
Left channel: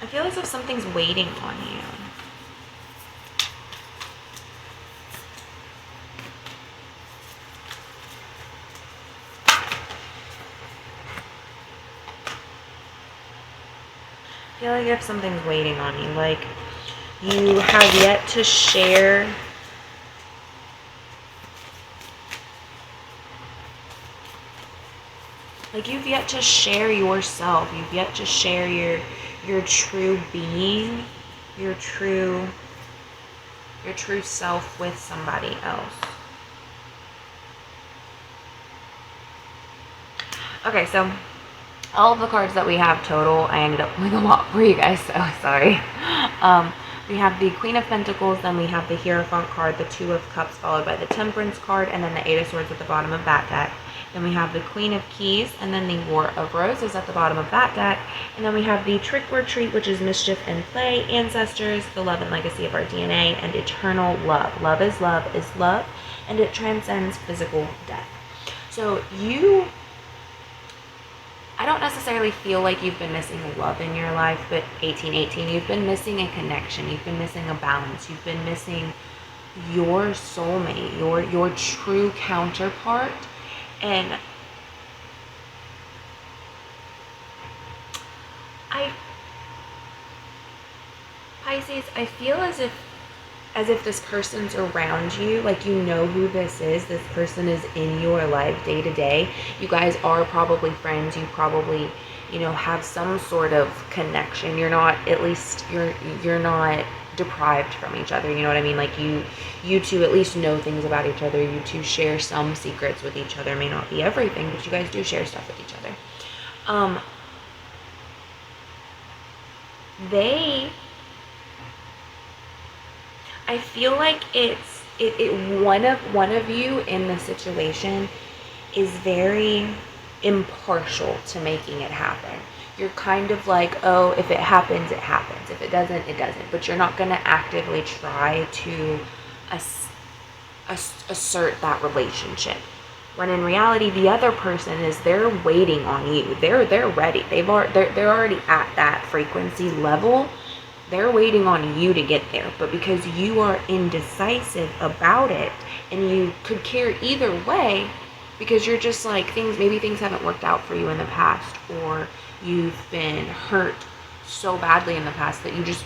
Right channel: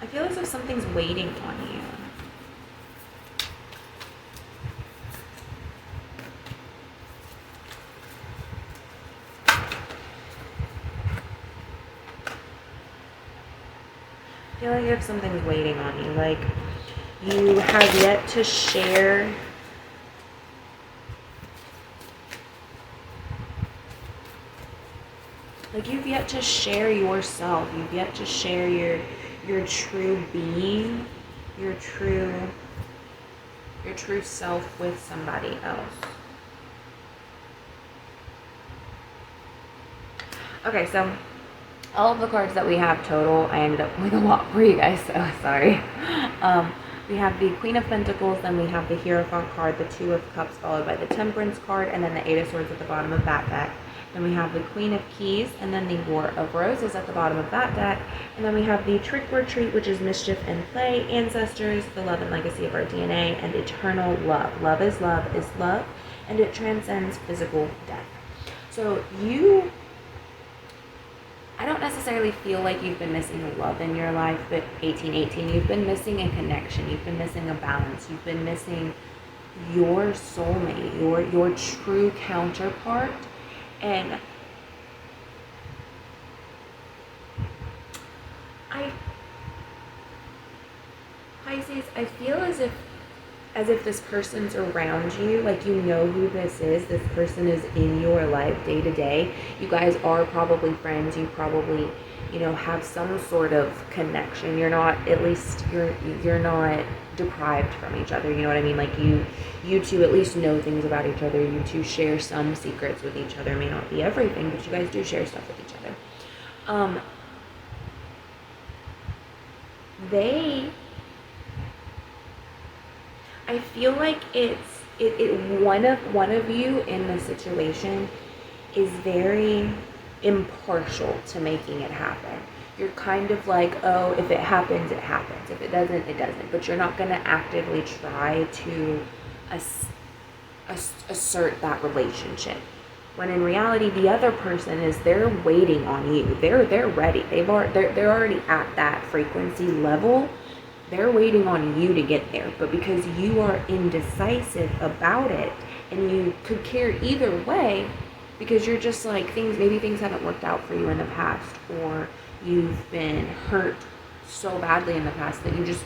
I feel as if something's waiting on you. I feel like if something's waiting on you, like you have yet to share you've yet to share yourself. You've yet to share your true being, your true self with somebody else. Okay, so all of the cards that we have total, I ended up pulling a lot for you guys, so sorry. We have the Queen of Pentacles, then we have the Hierophant card, the Two of Cups, followed by the Temperance card, and then the Eight of Swords at the bottom of that deck. Then we have the Queen of Keys, and then the War of Roses at the bottom of that deck. And then we have the Trick or Treat, which is Mischief and Play, Ancestors, the Love and Legacy of Our DNA, and Eternal Love. Love, and it transcends physical death. So I don't necessarily feel like you've been missing love in your life, but 1818, you've been missing a connection, you've been missing a balance, you've been missing your soulmate, your true counterpart. And Pisces, I feel as if this person's around you, like you know who this person is in your life day to day. You guys are probably friends, you probably, have some sort of connection. You're not, at least you're not deprived from each other, you know what I mean? Like you two at least know things about each other. You two share some secrets with each other. It may not be everything, but you guys do share stuff with each other. I feel like one of you in the situation is very impartial to making it happen. You're kind of like, oh, if it happens, it happens. If it doesn't, it doesn't. But you're not going to actively try to assert that relationship. When in reality, the other person they're waiting on you. They're ready. They're already at that frequency level. They're waiting on you to get there. But because you are indecisive about it, and you could care either way, because you're just like, maybe things haven't worked out for you in the past, or you've been hurt so badly in the past that you just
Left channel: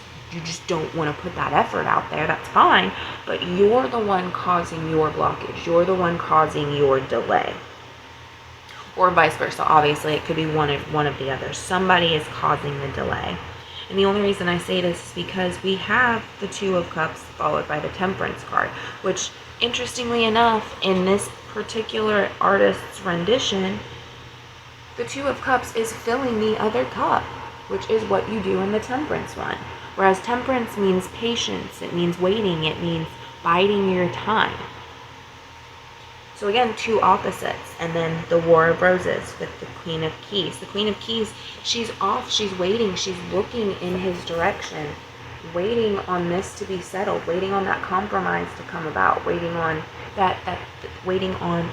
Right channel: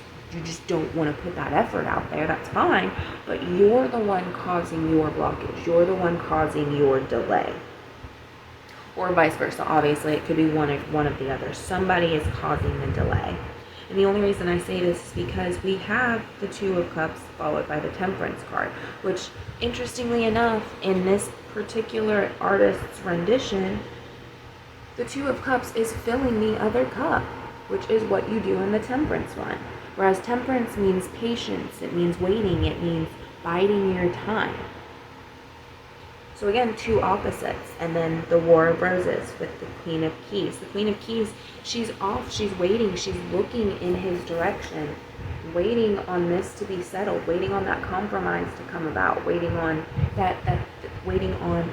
don't want to put that effort out there. That's fine, but you're the one causing your blockage. You're the one causing your delay, or vice versa. Obviously, it could be one of the others. Somebody is causing the delay. And the only reason I say this is because we have the Two of Cups followed by the Temperance card, which, interestingly enough, in this particular artist's rendition, the Two of Cups is filling the other cup, which is what you do in the Temperance one. Whereas Temperance means patience, it means waiting, it means biding your time. So again, two opposites. And then the War of Roses with the Queen of Keys. The Queen of Keys, she's off, she's waiting, she's looking in his direction, waiting on this to be settled, waiting on that compromise to come about, waiting on waiting on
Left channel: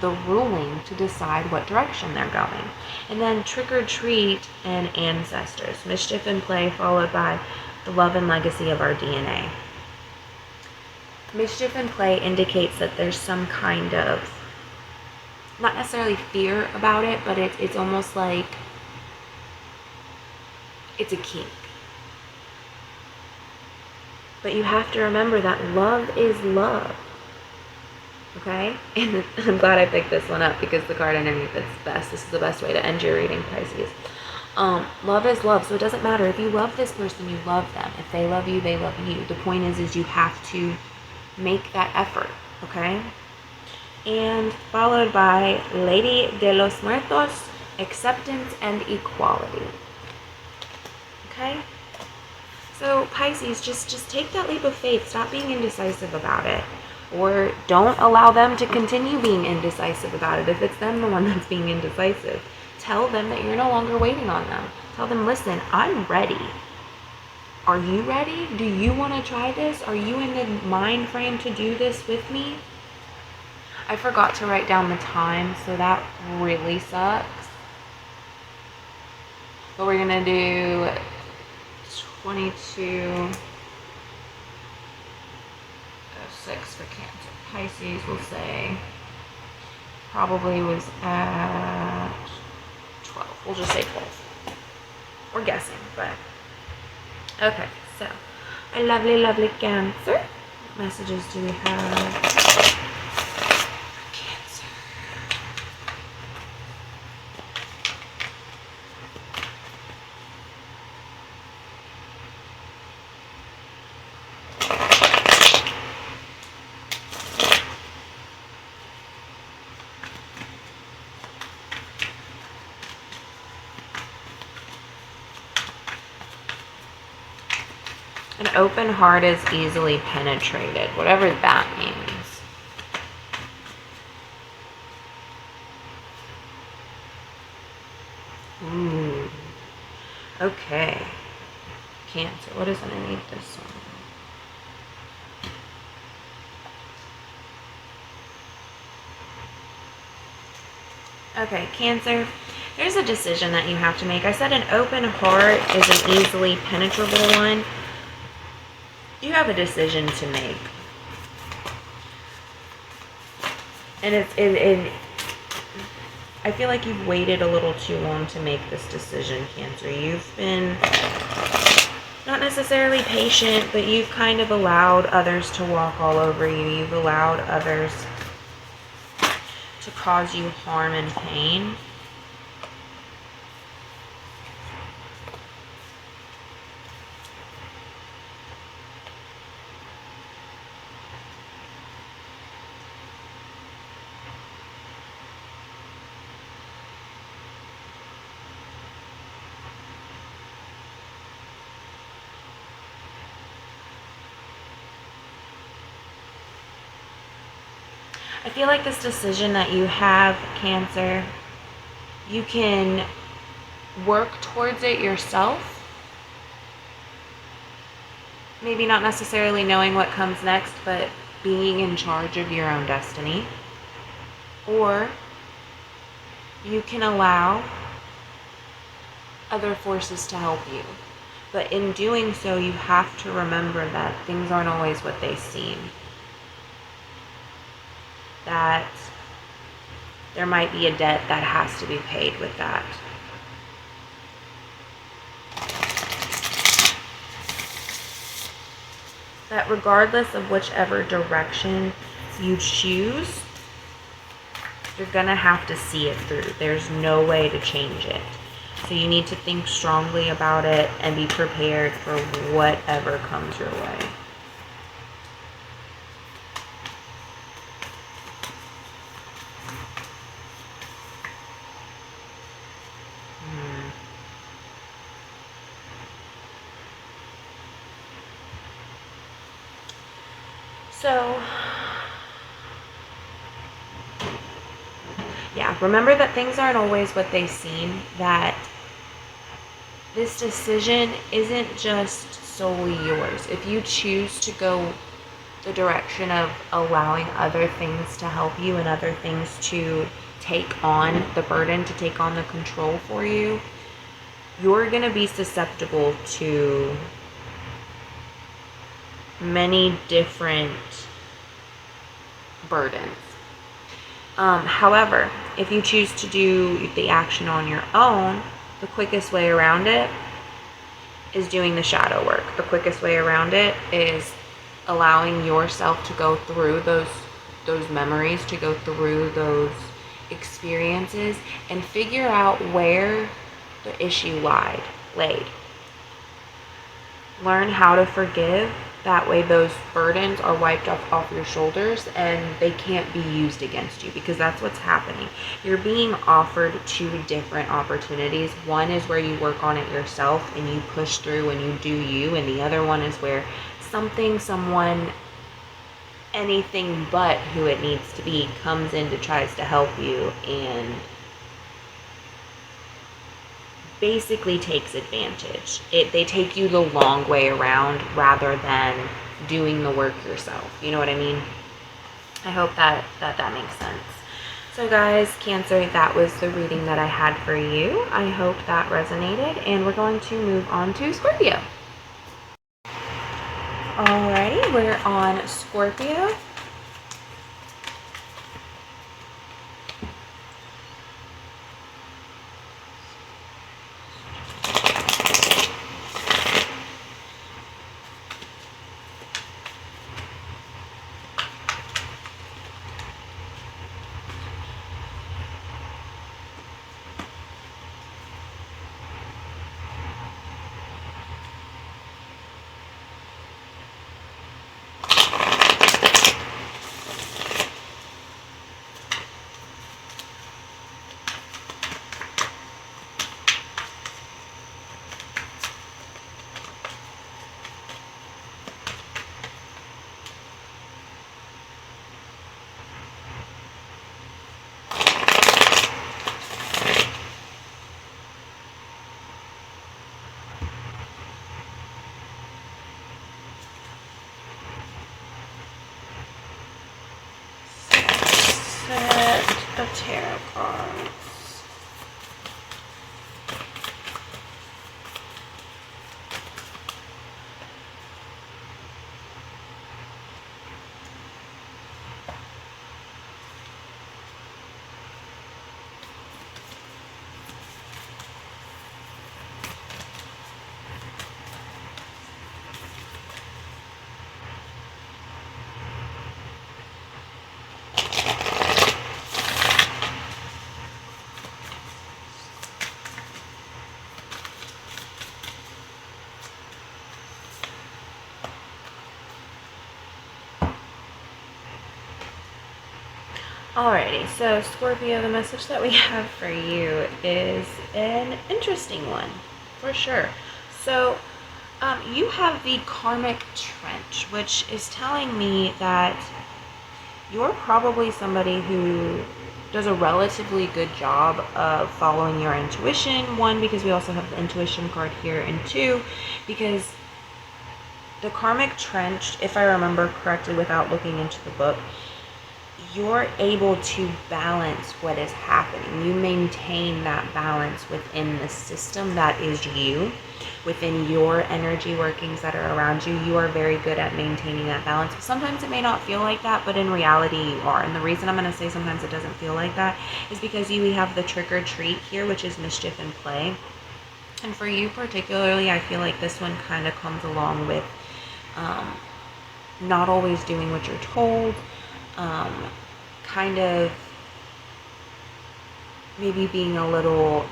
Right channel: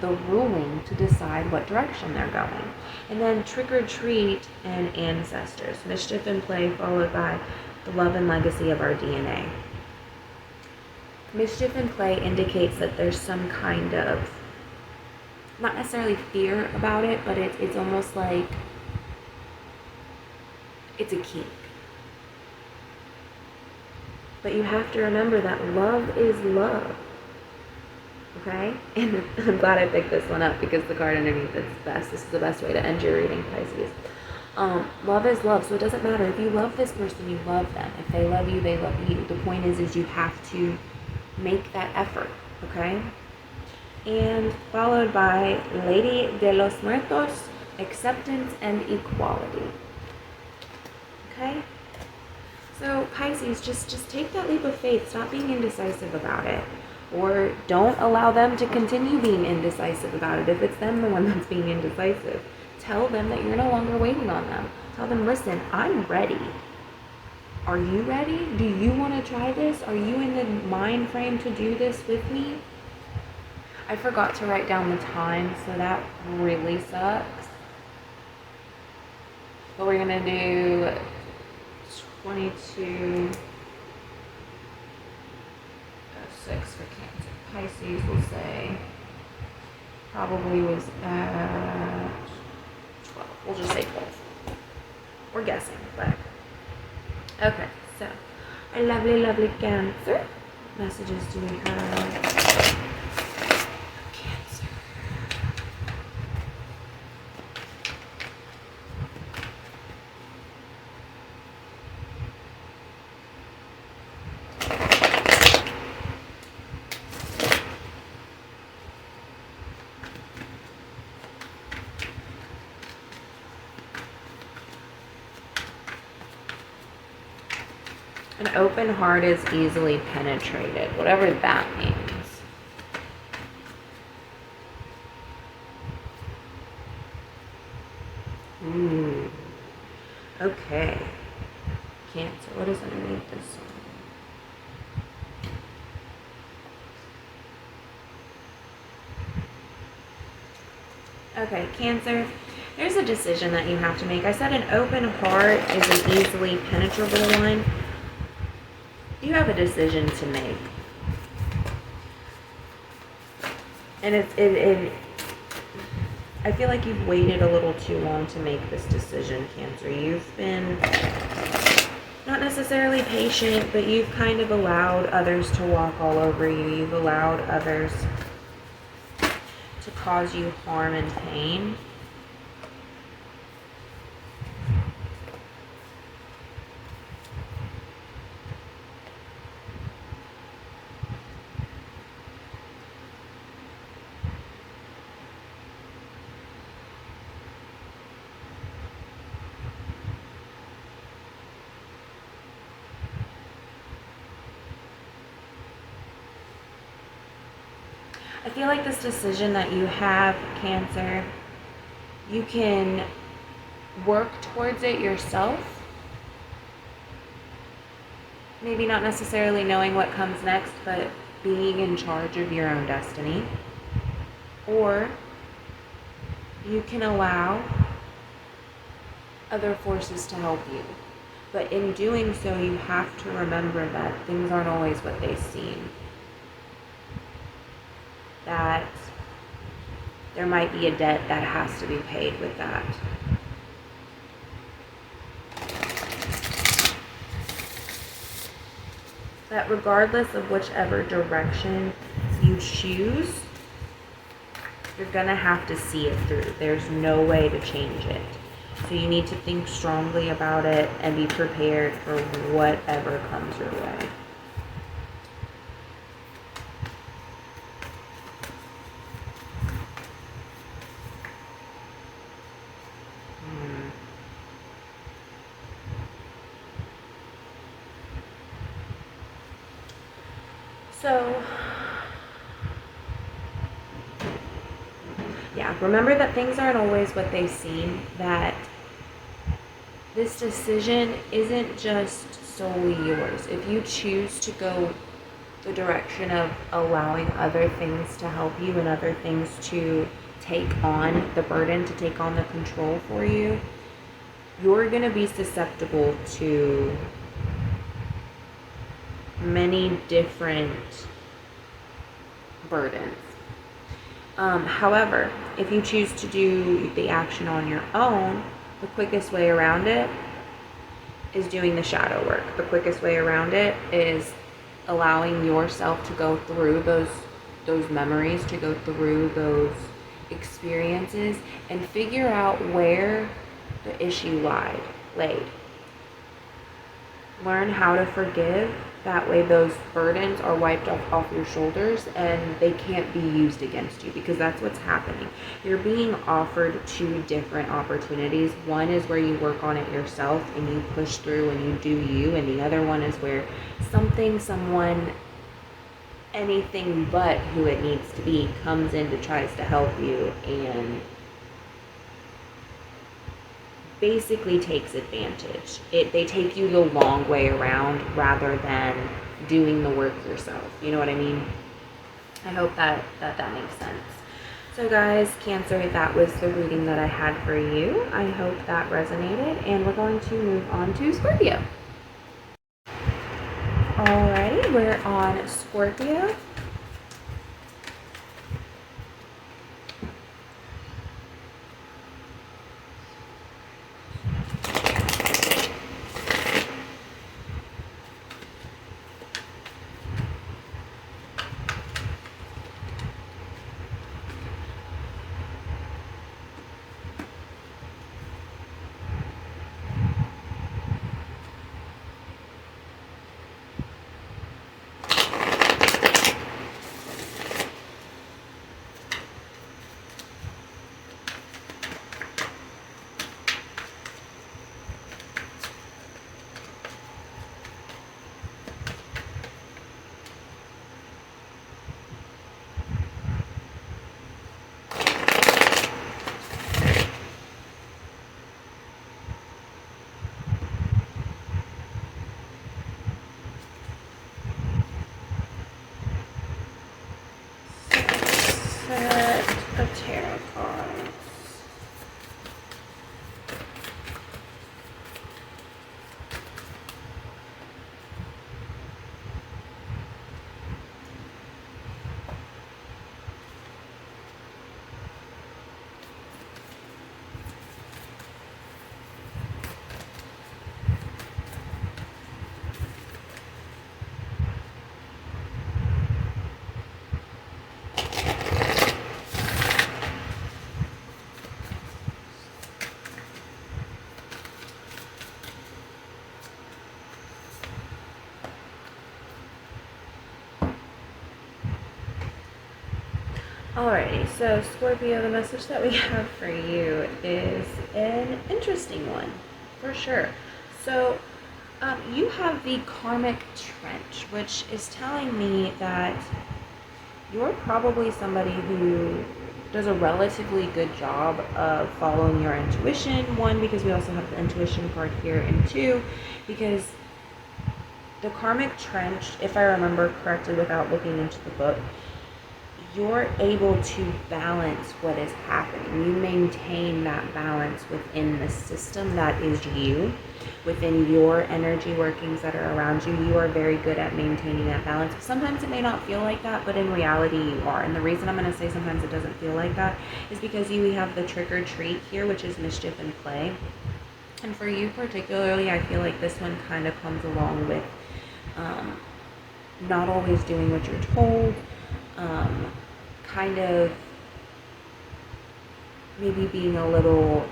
the ruling to decide what direction they're going. And then Trick or Treat and Ancestors, Mischief and Play, followed by the Love and Legacy of Our DNA. Mischief and Play indicates that there's some kind of, not necessarily fear about it, but it's almost like it's a kink. But you have to remember that love is love. Okay? And I'm glad I picked this one up because the card underneath is best. This is the best way to end your reading, Pisces. Love is love, so it doesn't matter. If you love this person, you love them. If they love you, they love you. The point is you have to make that effort, okay? And followed by Lady de los Muertos, acceptance and equality. Okay? So Pisces, just take that leap of faith. Stop being indecisive about it. Or don't allow them to continue being indecisive about it. If it's them, the one that's being indecisive, tell them that you're no longer waiting on them. Tell them, listen, I'm ready. Are you ready? Do you want to try this? Are you in the mind frame to do this with me? I forgot to write down the time, so that really sucks. But we're going to do 22, 6 for Cancer. Pisces, we'll say, probably was at 12. We'll just say 12. We're guessing, but okay. So, a lovely, lovely Cancer. What messages do we have for Cancer? An open heart is easily penetrated, whatever that means. Ooh. Okay. Cancer. What is underneath this one? Okay, Cancer. There's a decision that you have to make. I said an open heart is an easily penetrable one. You have a decision to make. And I feel like you've waited a little too long to make this decision, Cancer. You've been not necessarily patient, but you've kind of allowed others to walk all over you. You've allowed others to cause you harm and pain. I feel like this decision that you have, Cancer, you can work towards it yourself. Maybe not necessarily knowing what comes next, but being in charge of your own destiny. Or you can allow other forces to help you. But in doing so, you have to remember that things aren't always what they seem. That there might be a debt that has to be paid with that. That regardless of whichever direction you choose, you're gonna have to see it through. There's no way to change it. So you need to think strongly about it and be prepared for whatever comes your way. So, yeah, remember that things aren't always what they seem, that this decision isn't just solely yours. If you choose to go the direction of allowing other things to help you and other things to take on the burden, to take on the control for you, you're going to be susceptible to many different burdens. However, if you choose to do the action on your own, the quickest way around it is doing the shadow work. The quickest way around it is allowing yourself to go through those memories, to go through those experiences and figure out where the issue laid. Learn how to forgive. That way those burdens are wiped off your shoulders and they can't be used against you, because that's what's happening. You're being offered two different opportunities. One is where you work on it yourself and you push through and you do you, and the other one is where something, someone, anything but who it needs to be comes in to tries to help you and basically takes advantage. They take you the long way around rather than doing the work yourself. You know what I mean? I hope that makes sense. So guys, Cancer, that was the reading that I had for you. I hope that resonated, and we're going to move on to Scorpio. Alrighty, we're on Scorpio. Of tarot cards. Alrighty, so Scorpio, the message that we have for you is an interesting one, for sure. So, you have the karmic trench, which is telling me that you're probably somebody who does a relatively good job of following your intuition. One, because we also have the intuition card here, and two, because the karmic trench, if I remember correctly without looking into the book, you're able to balance what is happening. You maintain that balance within the system that is you, within your energy workings that are around you. You are very good at maintaining that balance. Sometimes it may not feel like that, but in reality you are. And the reason I'm going to say sometimes it doesn't feel like that is because we have the trick or treat here, which is mischief and play. And for you particularly, I feel like this one kind of comes along with not always doing what you're told, kind of maybe being a little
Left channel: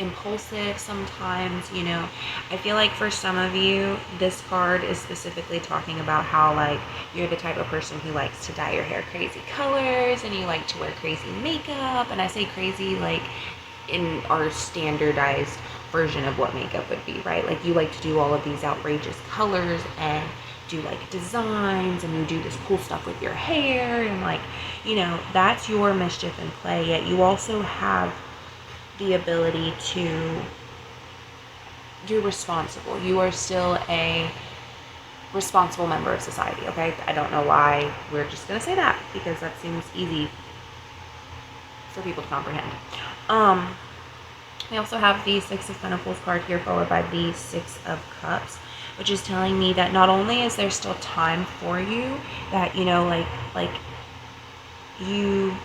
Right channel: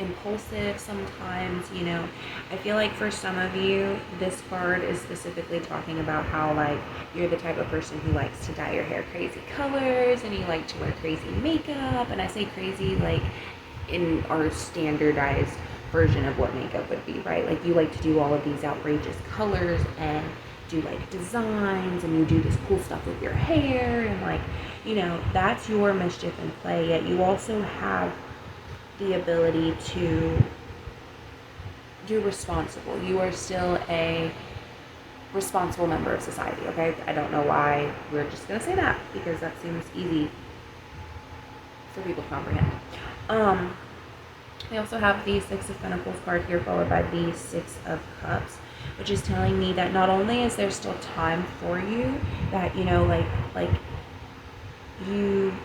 impulsive sometimes, you know. I feel like for some of you, this card is specifically talking about how, like, you're the type of person who likes to dye your hair crazy colors and you like to wear crazy makeup. And I say crazy like in our standardized version of what makeup would be, right? Like, you like to do all of these outrageous colors and do like designs, and you do this cool stuff with your hair, and like, you know, that's your mischief and play. Yet you also have the ability to do responsible. You are still a responsible member of society, okay? I don't know why we're just gonna say that, because that seems easy for people to comprehend. We also have the Six of Pentacles card here, followed by the Six of Cups, which is telling me that not only is there still time for you, that, you know, like you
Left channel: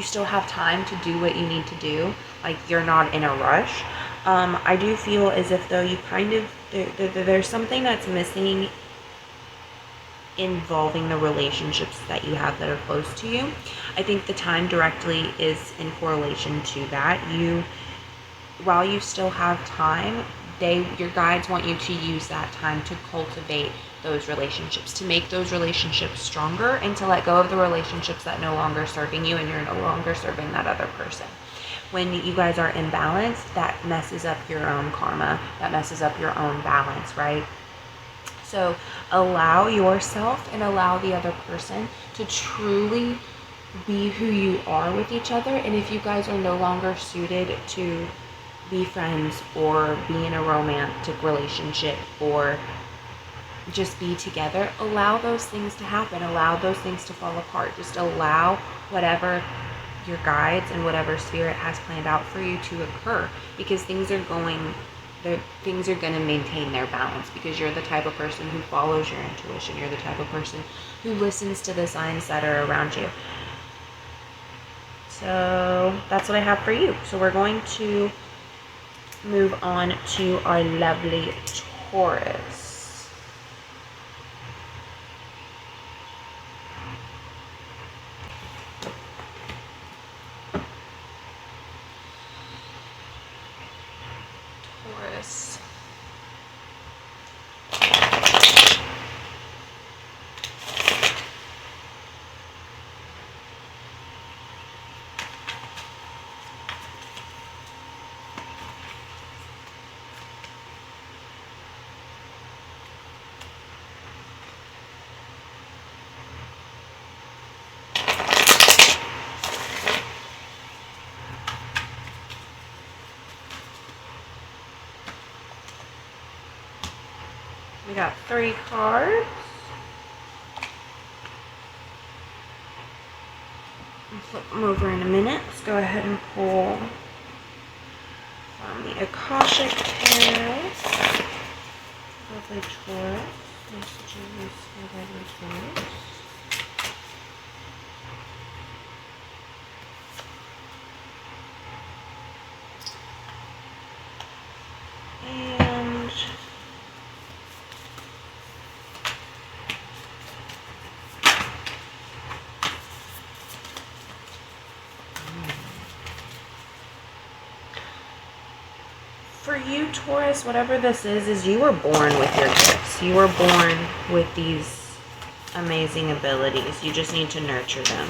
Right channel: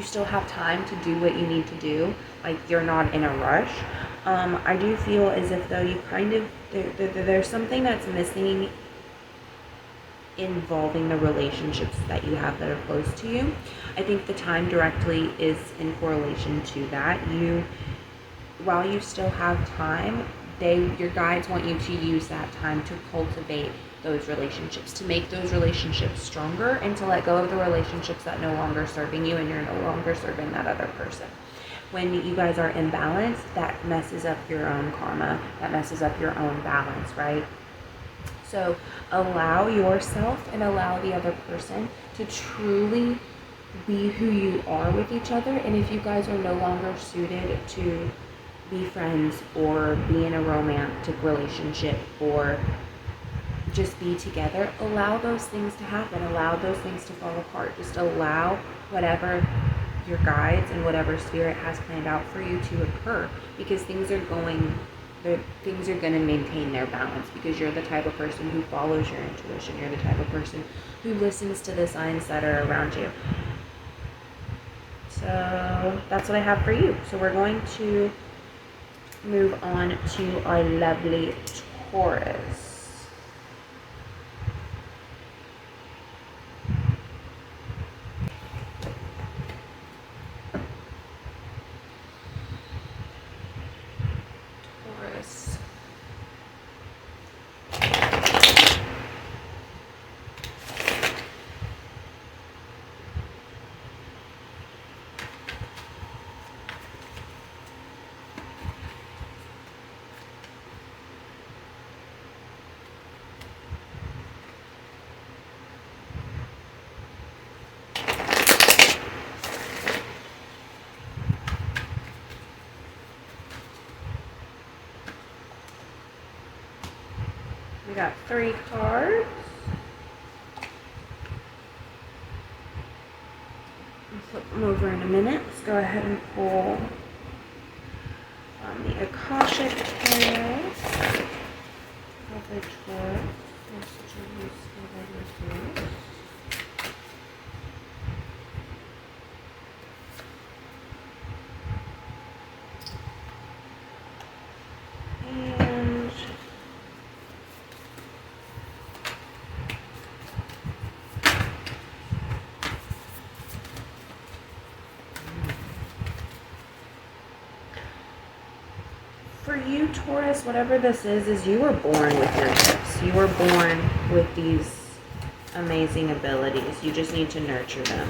still have time to do what you need to do. Like, you're not in a rush. I do feel as if though you kind of, there's something that's missing involving the relationships that you have that are close to you. I think the time directly is in correlation to that. While you still have time, your guides want you to use that time to cultivate those relationships, to make those relationships stronger, and to let go of the relationships that no longer serving you and you're no longer serving that other person. When you guys are imbalanced, that messes up your own karma, that messes up your own balance, right? So allow yourself and allow the other person to truly be who you are with each other. And if you guys are no longer suited to be friends or be in a romantic relationship or just be together, allow those things to happen. Allow those things to fall apart. Just allow whatever your guides and whatever spirit has planned out for you to occur, because things are going to maintain their balance, because you're the type of person who follows your intuition. You're the type of person who listens to the signs that are around you. So that's what I have for you. So we're going to move on to our lovely Taurus. We got 3 cards. I'll flip them over in a minute. Let's go ahead and pull from the Akashic Tarot. Lovely Taurus. Messages for lovely Taurus. For you, Taurus, whatever this is you were born with your gifts. You were born with these amazing abilities. You just need to nurture them.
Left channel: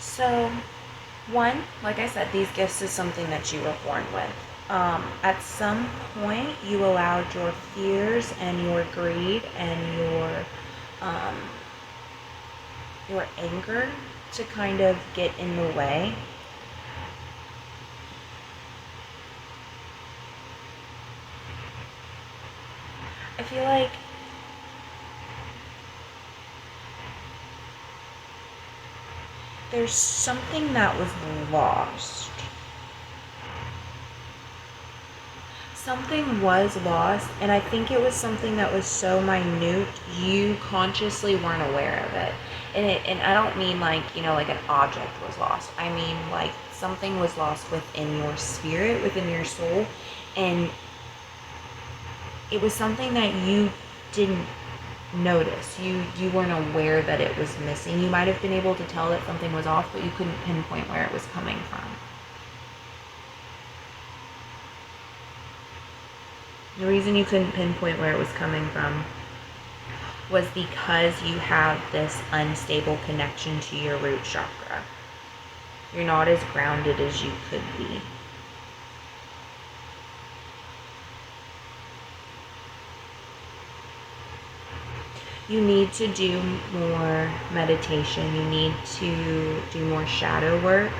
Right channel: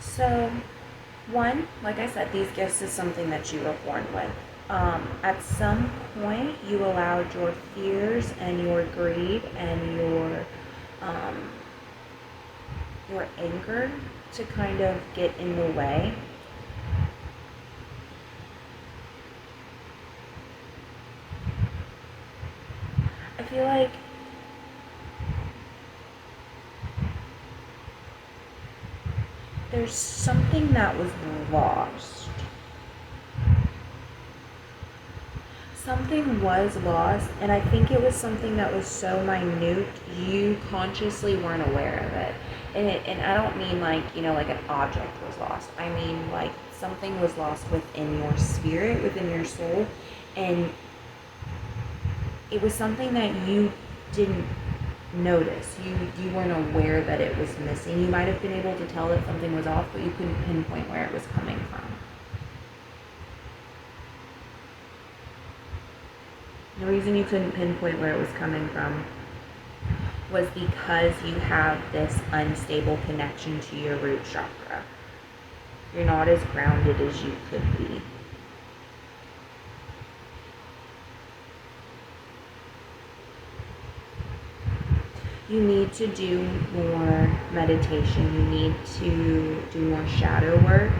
So, one, like I said, these gifts is something that you were born with. At some point, you allowed your fears and your greed and your anger to kind of get in the way. I feel like there's something that was lost. Something was lost, and I think it was something that was so minute you consciously weren't aware of it. And I don't mean like, like an object was lost. I mean like something was lost within your spirit, within your soul, and it was something that you didn't notice. You weren't aware that it was missing. You might have been able to tell that something was off, but you couldn't pinpoint where it was coming from. The reason you couldn't pinpoint where it was coming from was because you have this unstable connection to your root chakra. You're not as grounded as you could be. You need to do more meditation. You need to do more shadow work.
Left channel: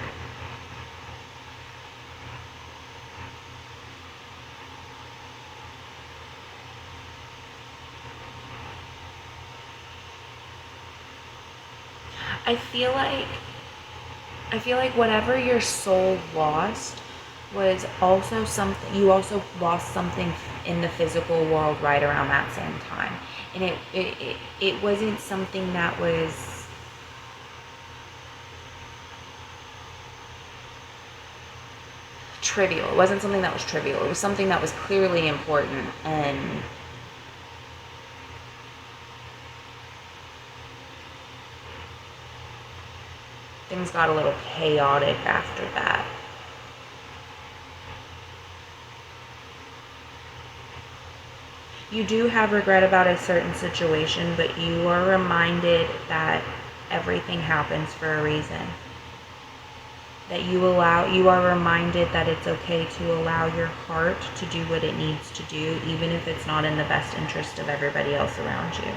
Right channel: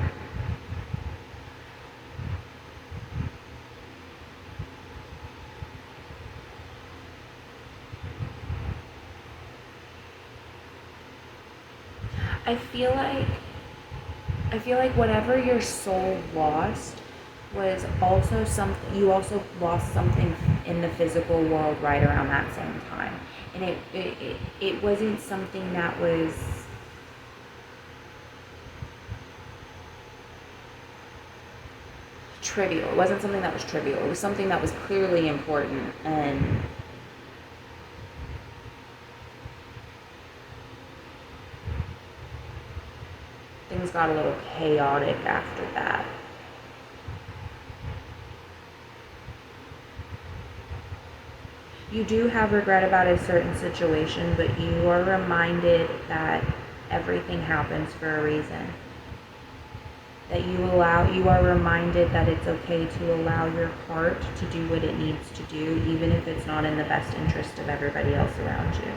I feel like whatever your soul lost was also something, you also lost something in the physical world right around that same time. And it wasn't something that was trivial. It wasn't something that was trivial. It was something that was clearly important, and things got a little chaotic after that. You do have regret about a certain situation, but you are reminded that everything happens for a reason. That you are reminded that it's okay to allow your heart to do what it needs to do, even if it's not in the best interest of everybody else around you.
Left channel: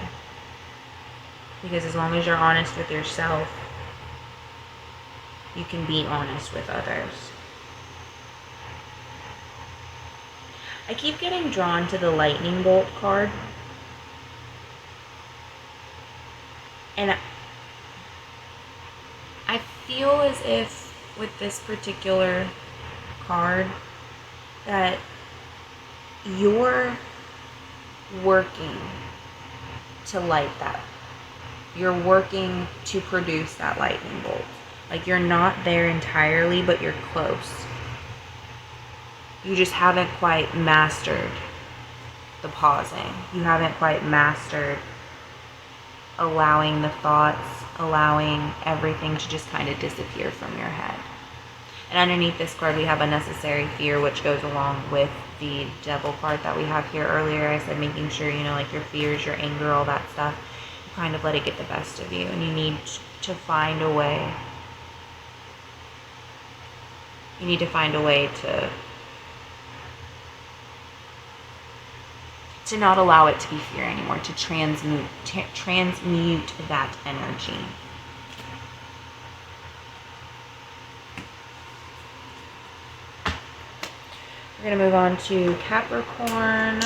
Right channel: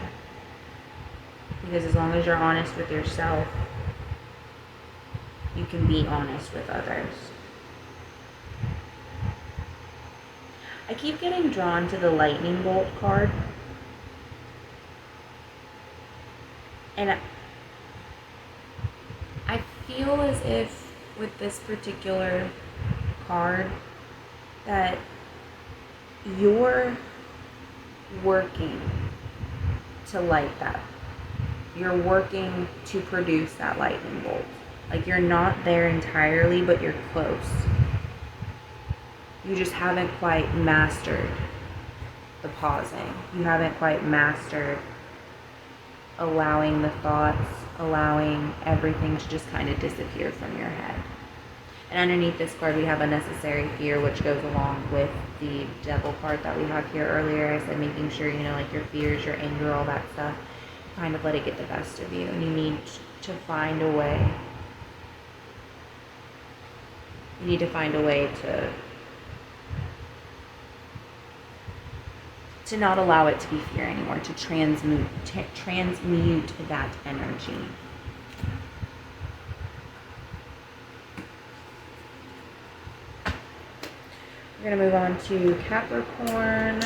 Because as long as you're honest with yourself, you can be honest with others. I keep getting drawn to the lightning bolt card. And I feel as if with this particular card that you're working to light that. You're working to produce that lightning bolt. Like, you're not there entirely, but you're close. You just haven't quite mastered the pausing. You haven't quite mastered allowing the thoughts, allowing everything to just kind of disappear from your head. And underneath this card, we have unnecessary fear, which goes along with the devil card that we have here earlier. I said making sure, like your fears, your anger, all that stuff, you kind of let it get the best of you. And you need to find a way. You need to find a way to not allow it to be fear anymore, to transmute that energy. We're going to move on to Capricorn.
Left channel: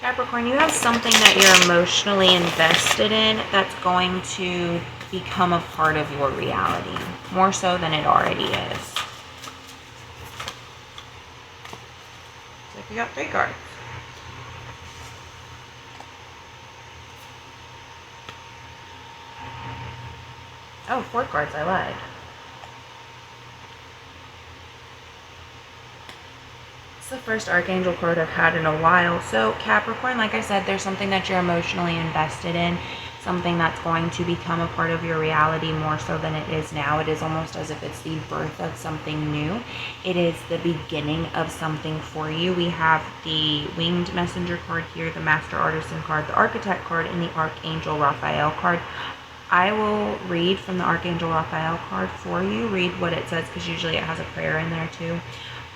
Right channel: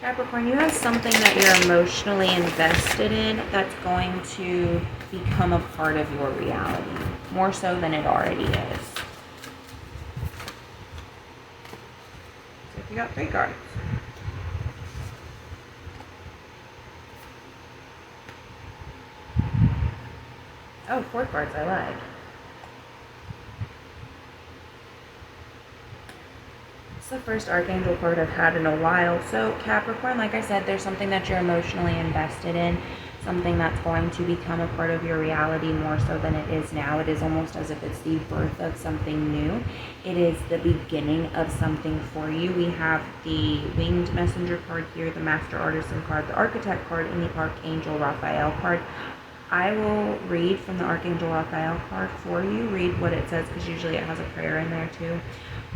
Capricorn, you have something that you're emotionally invested in that's going to become a part of your reality, more so than it already is. So you got 3 cards. Oh, 4 cards, I lied. It's the first Archangel card I've had in a while. So Capricorn, like I said, there's something that you're emotionally invested in, something that's going to become a part of your reality more so than it is now. It is almost as if it's the birth of something new. It is the beginning of something for you. We have the Winged Messenger card here, the Master Artisan card, the Architect card, and the Archangel Raphael card. I will read from the Archangel Raphael card for you, read what it says, because usually it has a prayer in there too.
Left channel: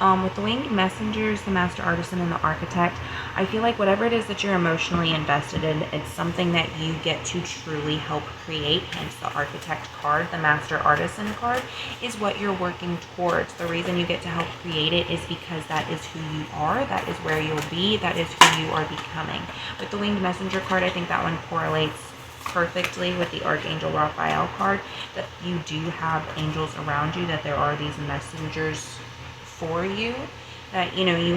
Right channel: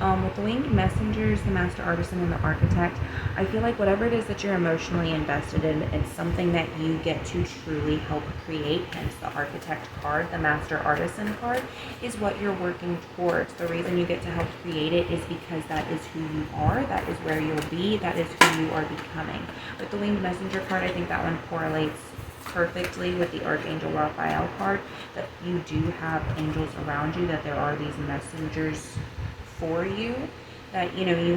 With the Winged Messengers, the Master Artisan, and the Architect, I feel like whatever it is that you're emotionally invested in, it's something that you get to truly help create. Hence the Architect card, the Master Artisan card, is what you're working towards. The reason you get to help create it is because that is who you are, that is where you'll be, that is who you are becoming. With the Winged Messenger card, I think that one correlates perfectly with the Archangel Raphael card, that you do have angels around you, that there are these messengers for you, that you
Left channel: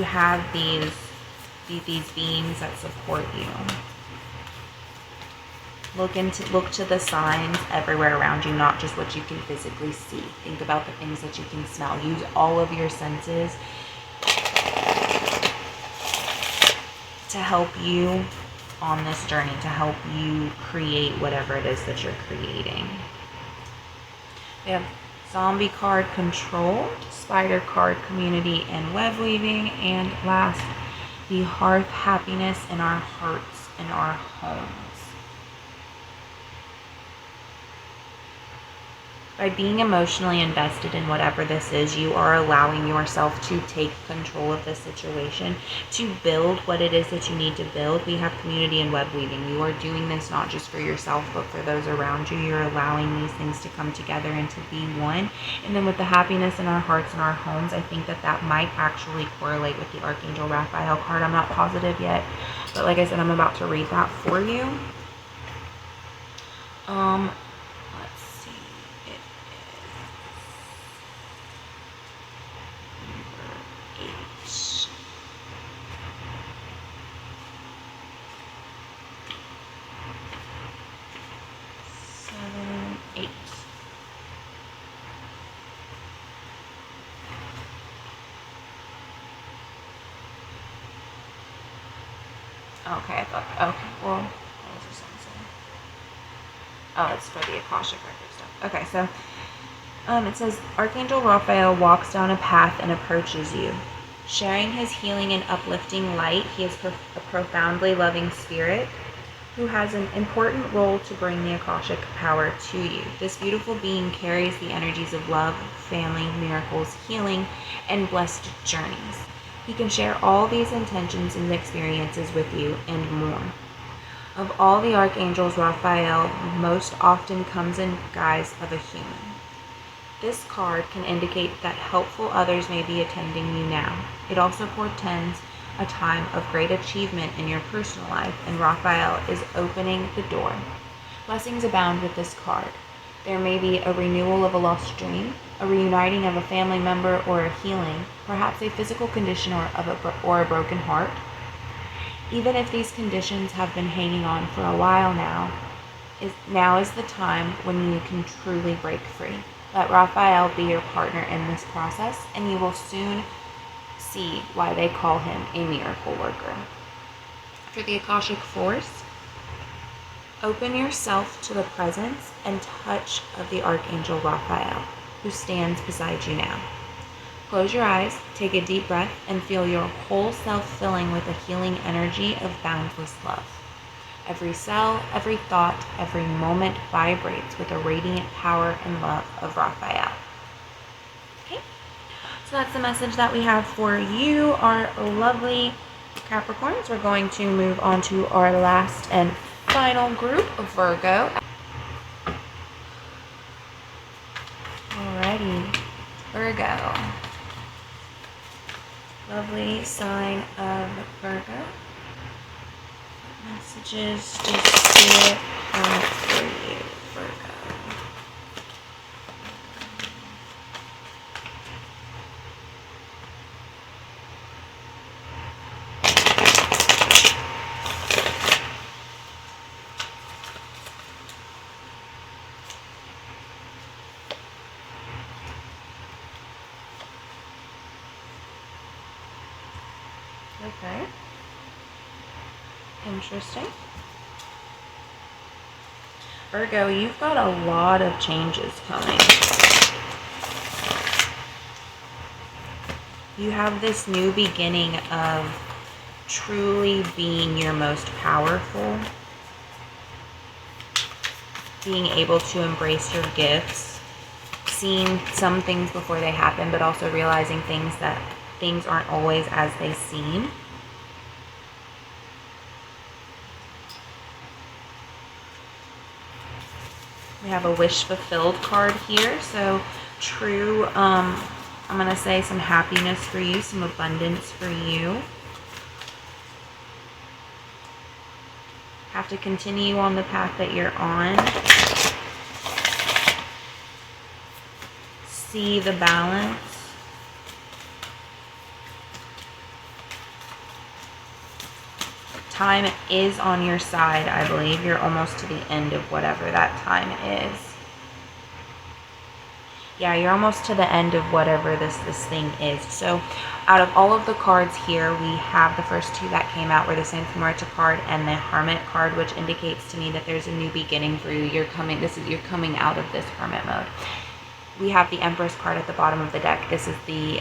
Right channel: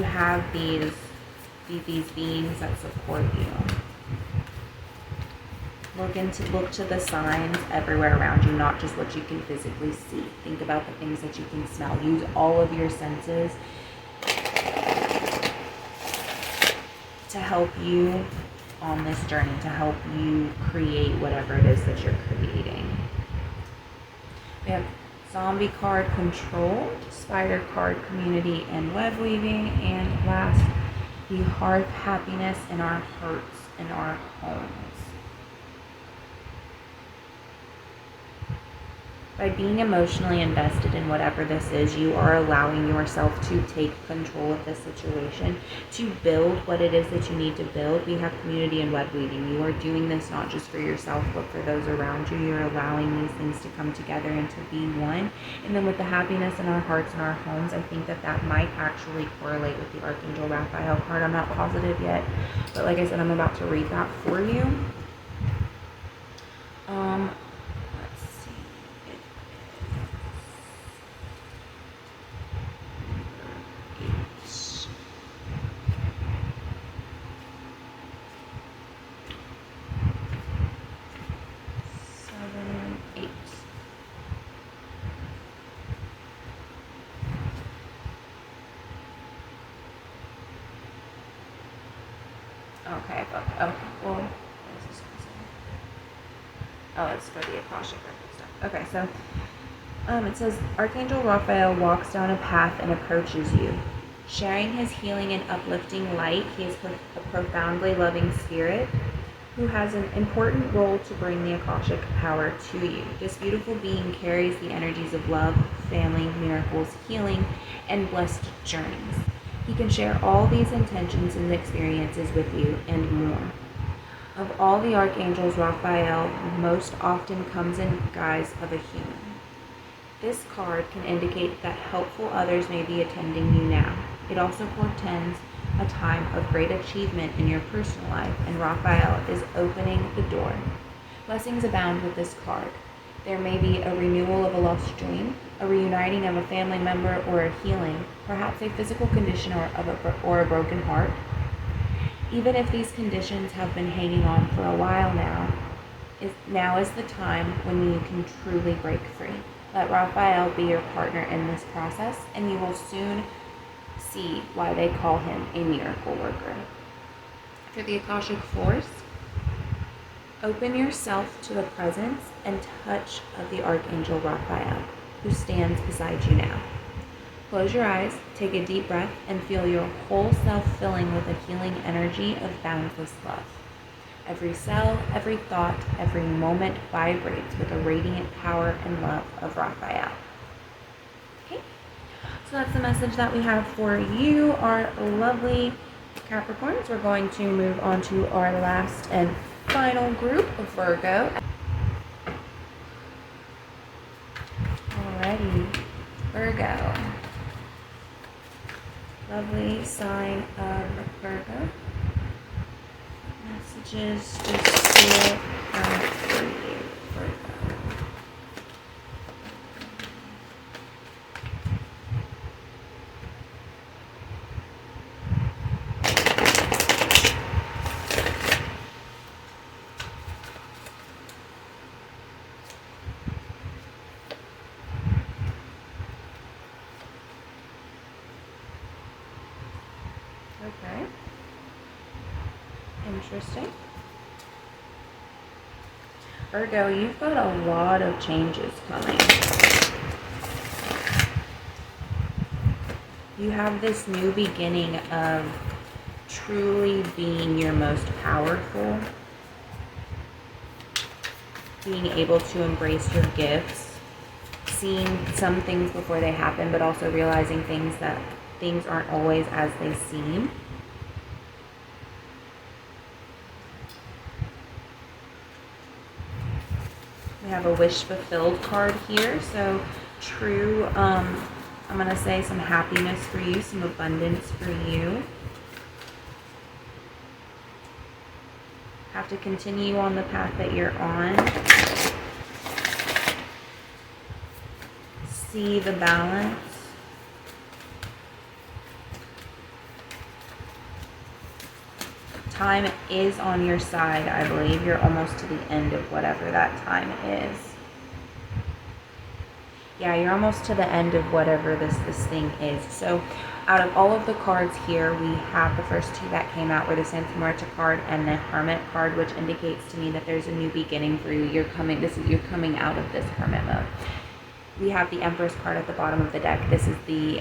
have these beings that support you. Look to the signs everywhere around you, not just what you can physically see. Think about the things that you can smell. Use all of your senses to help you on this journey, to help you create whatever it is that you're creating. We have Zombie card, Controlled, Spider card, Community and Web Weaving, and last, the Hearth, Happiness in our hearts and our homes. By being emotionally invested in whatever this is, you are allowing yourself to take control of the situation, to build what it is that you need to build. We have community and web weaving. You are doing this not just for yourself, but for those around you. You're allowing these things to come together and to be one. And then with the happiness in our hearts and our homes, I think that that might actually correlate with the Archangel Raphael card. I'm not positive yet, but like I said, I'm about to read that for you. Okay, I thought, okay, well, what was this one saying? Oh, it's for the Akashic record stuff. Okay, so, it says, Archangel Raphael walks down a path and approaches you. Sharing his healing and uplifting light, he is a profoundly loving spirit who has an important role to bring the Akashic power to you. This beautiful being carries the energies of love, family, miracles, healing, and blessed journeys. He can share all these intentions and experiences with you and more. Of all the archangels, Raphael most often comes in guise of a human. This card can indicate that helpful others may be attending you now. It also portends a time of great achievement in your personal life, and Raphael is opening the door. Blessings abound with this card. There may be a renewal of a lost dream, a reuniting of a family member, or a healing, perhaps a physical condition or a broken heart. Even if these conditions have been hanging on for a while now is the time when you can truly break free. Let Raphael be your partner in this process, and you will soon see why they call him a miracle worker. For the Akashic Force, open yourself to the presence and touch of the Archangel Raphael, who stands beside you now. Close your eyes, take a deep breath, and feel your whole self filling with a healing energy of boundless love. Every cell, every thought, every moment vibrates with the radiant power and love of Raphael. Okay, so that's the message that we have for you, our lovely Capricorns. We're going to move on to our last and final group of Virgo. Alrighty, Virgo. Lovely sign of Virgo. Messages to Spirit have for you, Virgo. Okay. Interesting. Virgo, you've got a lot of changes coming. You have this new beginning of truly being your most powerful, being able to embrace your gifts, seeing some things before they happen, but also realizing things aren't always as they seem. We have a wish fulfilled card here, so true, I'm going to say some happiness for you, some abundance for you. Have to continue on the path that you're on. See the balance. Time is on your side, I believe. You're almost to the end of whatever that time is. Yeah, you're almost to the end of whatever this thing is. So out of all of the cards here, we have the first two that came out were the Santa Marta card and the Hermit card, which indicates to me that there's a new beginning for you. You're coming out of this hermit mode. We have the Empress card at the bottom of the deck. This is the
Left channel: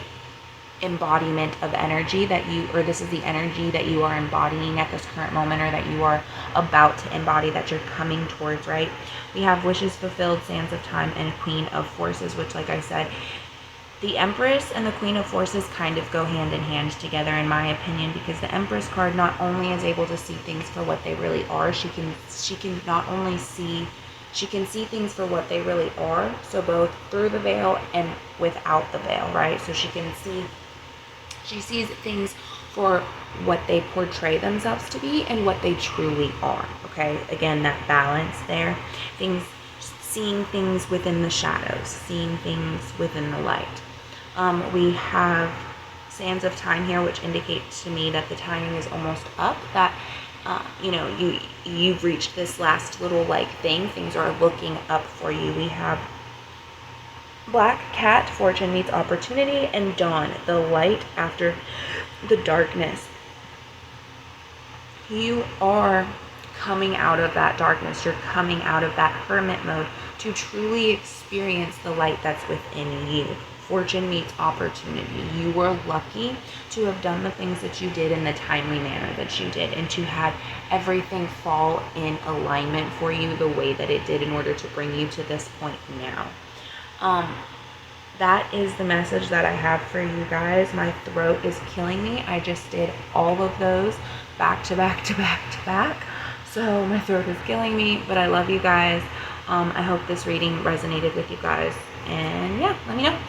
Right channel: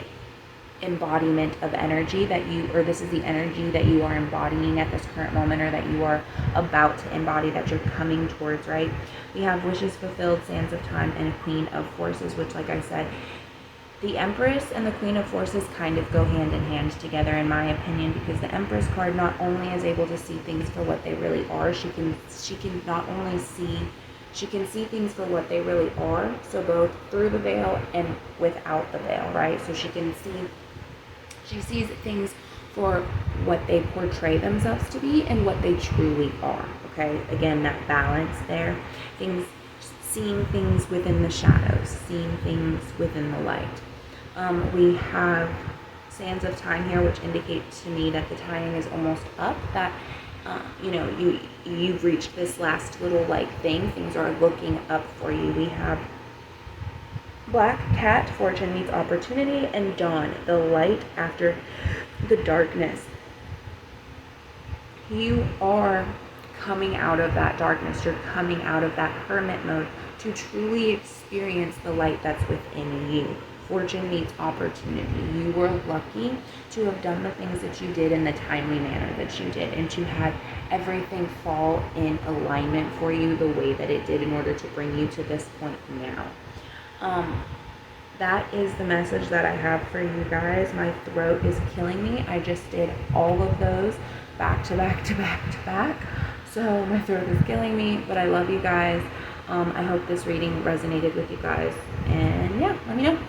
embodiment of energy that this is the energy that you are embodying at this current moment, or that you are about to embody, that you're coming towards, right? We have wishes fulfilled, sands of time, and Queen of Forces, which, like I said, the Empress and the Queen of Forces kind of go hand in hand together, in my opinion, because the Empress card not only is able to see things for what they really are, she can see things for what they really are, so both through the veil and without the veil, right? So she sees things for what they portray themselves to be and what they truly are, okay? Again, that balance there. Seeing things within the shadows, seeing things within the light. We have sands of time here, which indicates to me that the timing is almost up, that you've reached this last little thing. Things are looking up for you. We have Black Cat, fortune meets opportunity, and dawn, the light after the darkness. You are coming out of that darkness. You're coming out of that hermit mode to truly experience the light that's within you. Fortune meets opportunity. You were lucky to have done the things that you did in the timely manner that you did, and to have everything fall in alignment for you the way that it did in order to bring you to this point now. That is the message that I have for you guys. My throat is killing me. I just did all of those back to back to back to back. So my throat is killing me, but I love you guys. I hope this reading resonated with you guys. And yeah, let me know.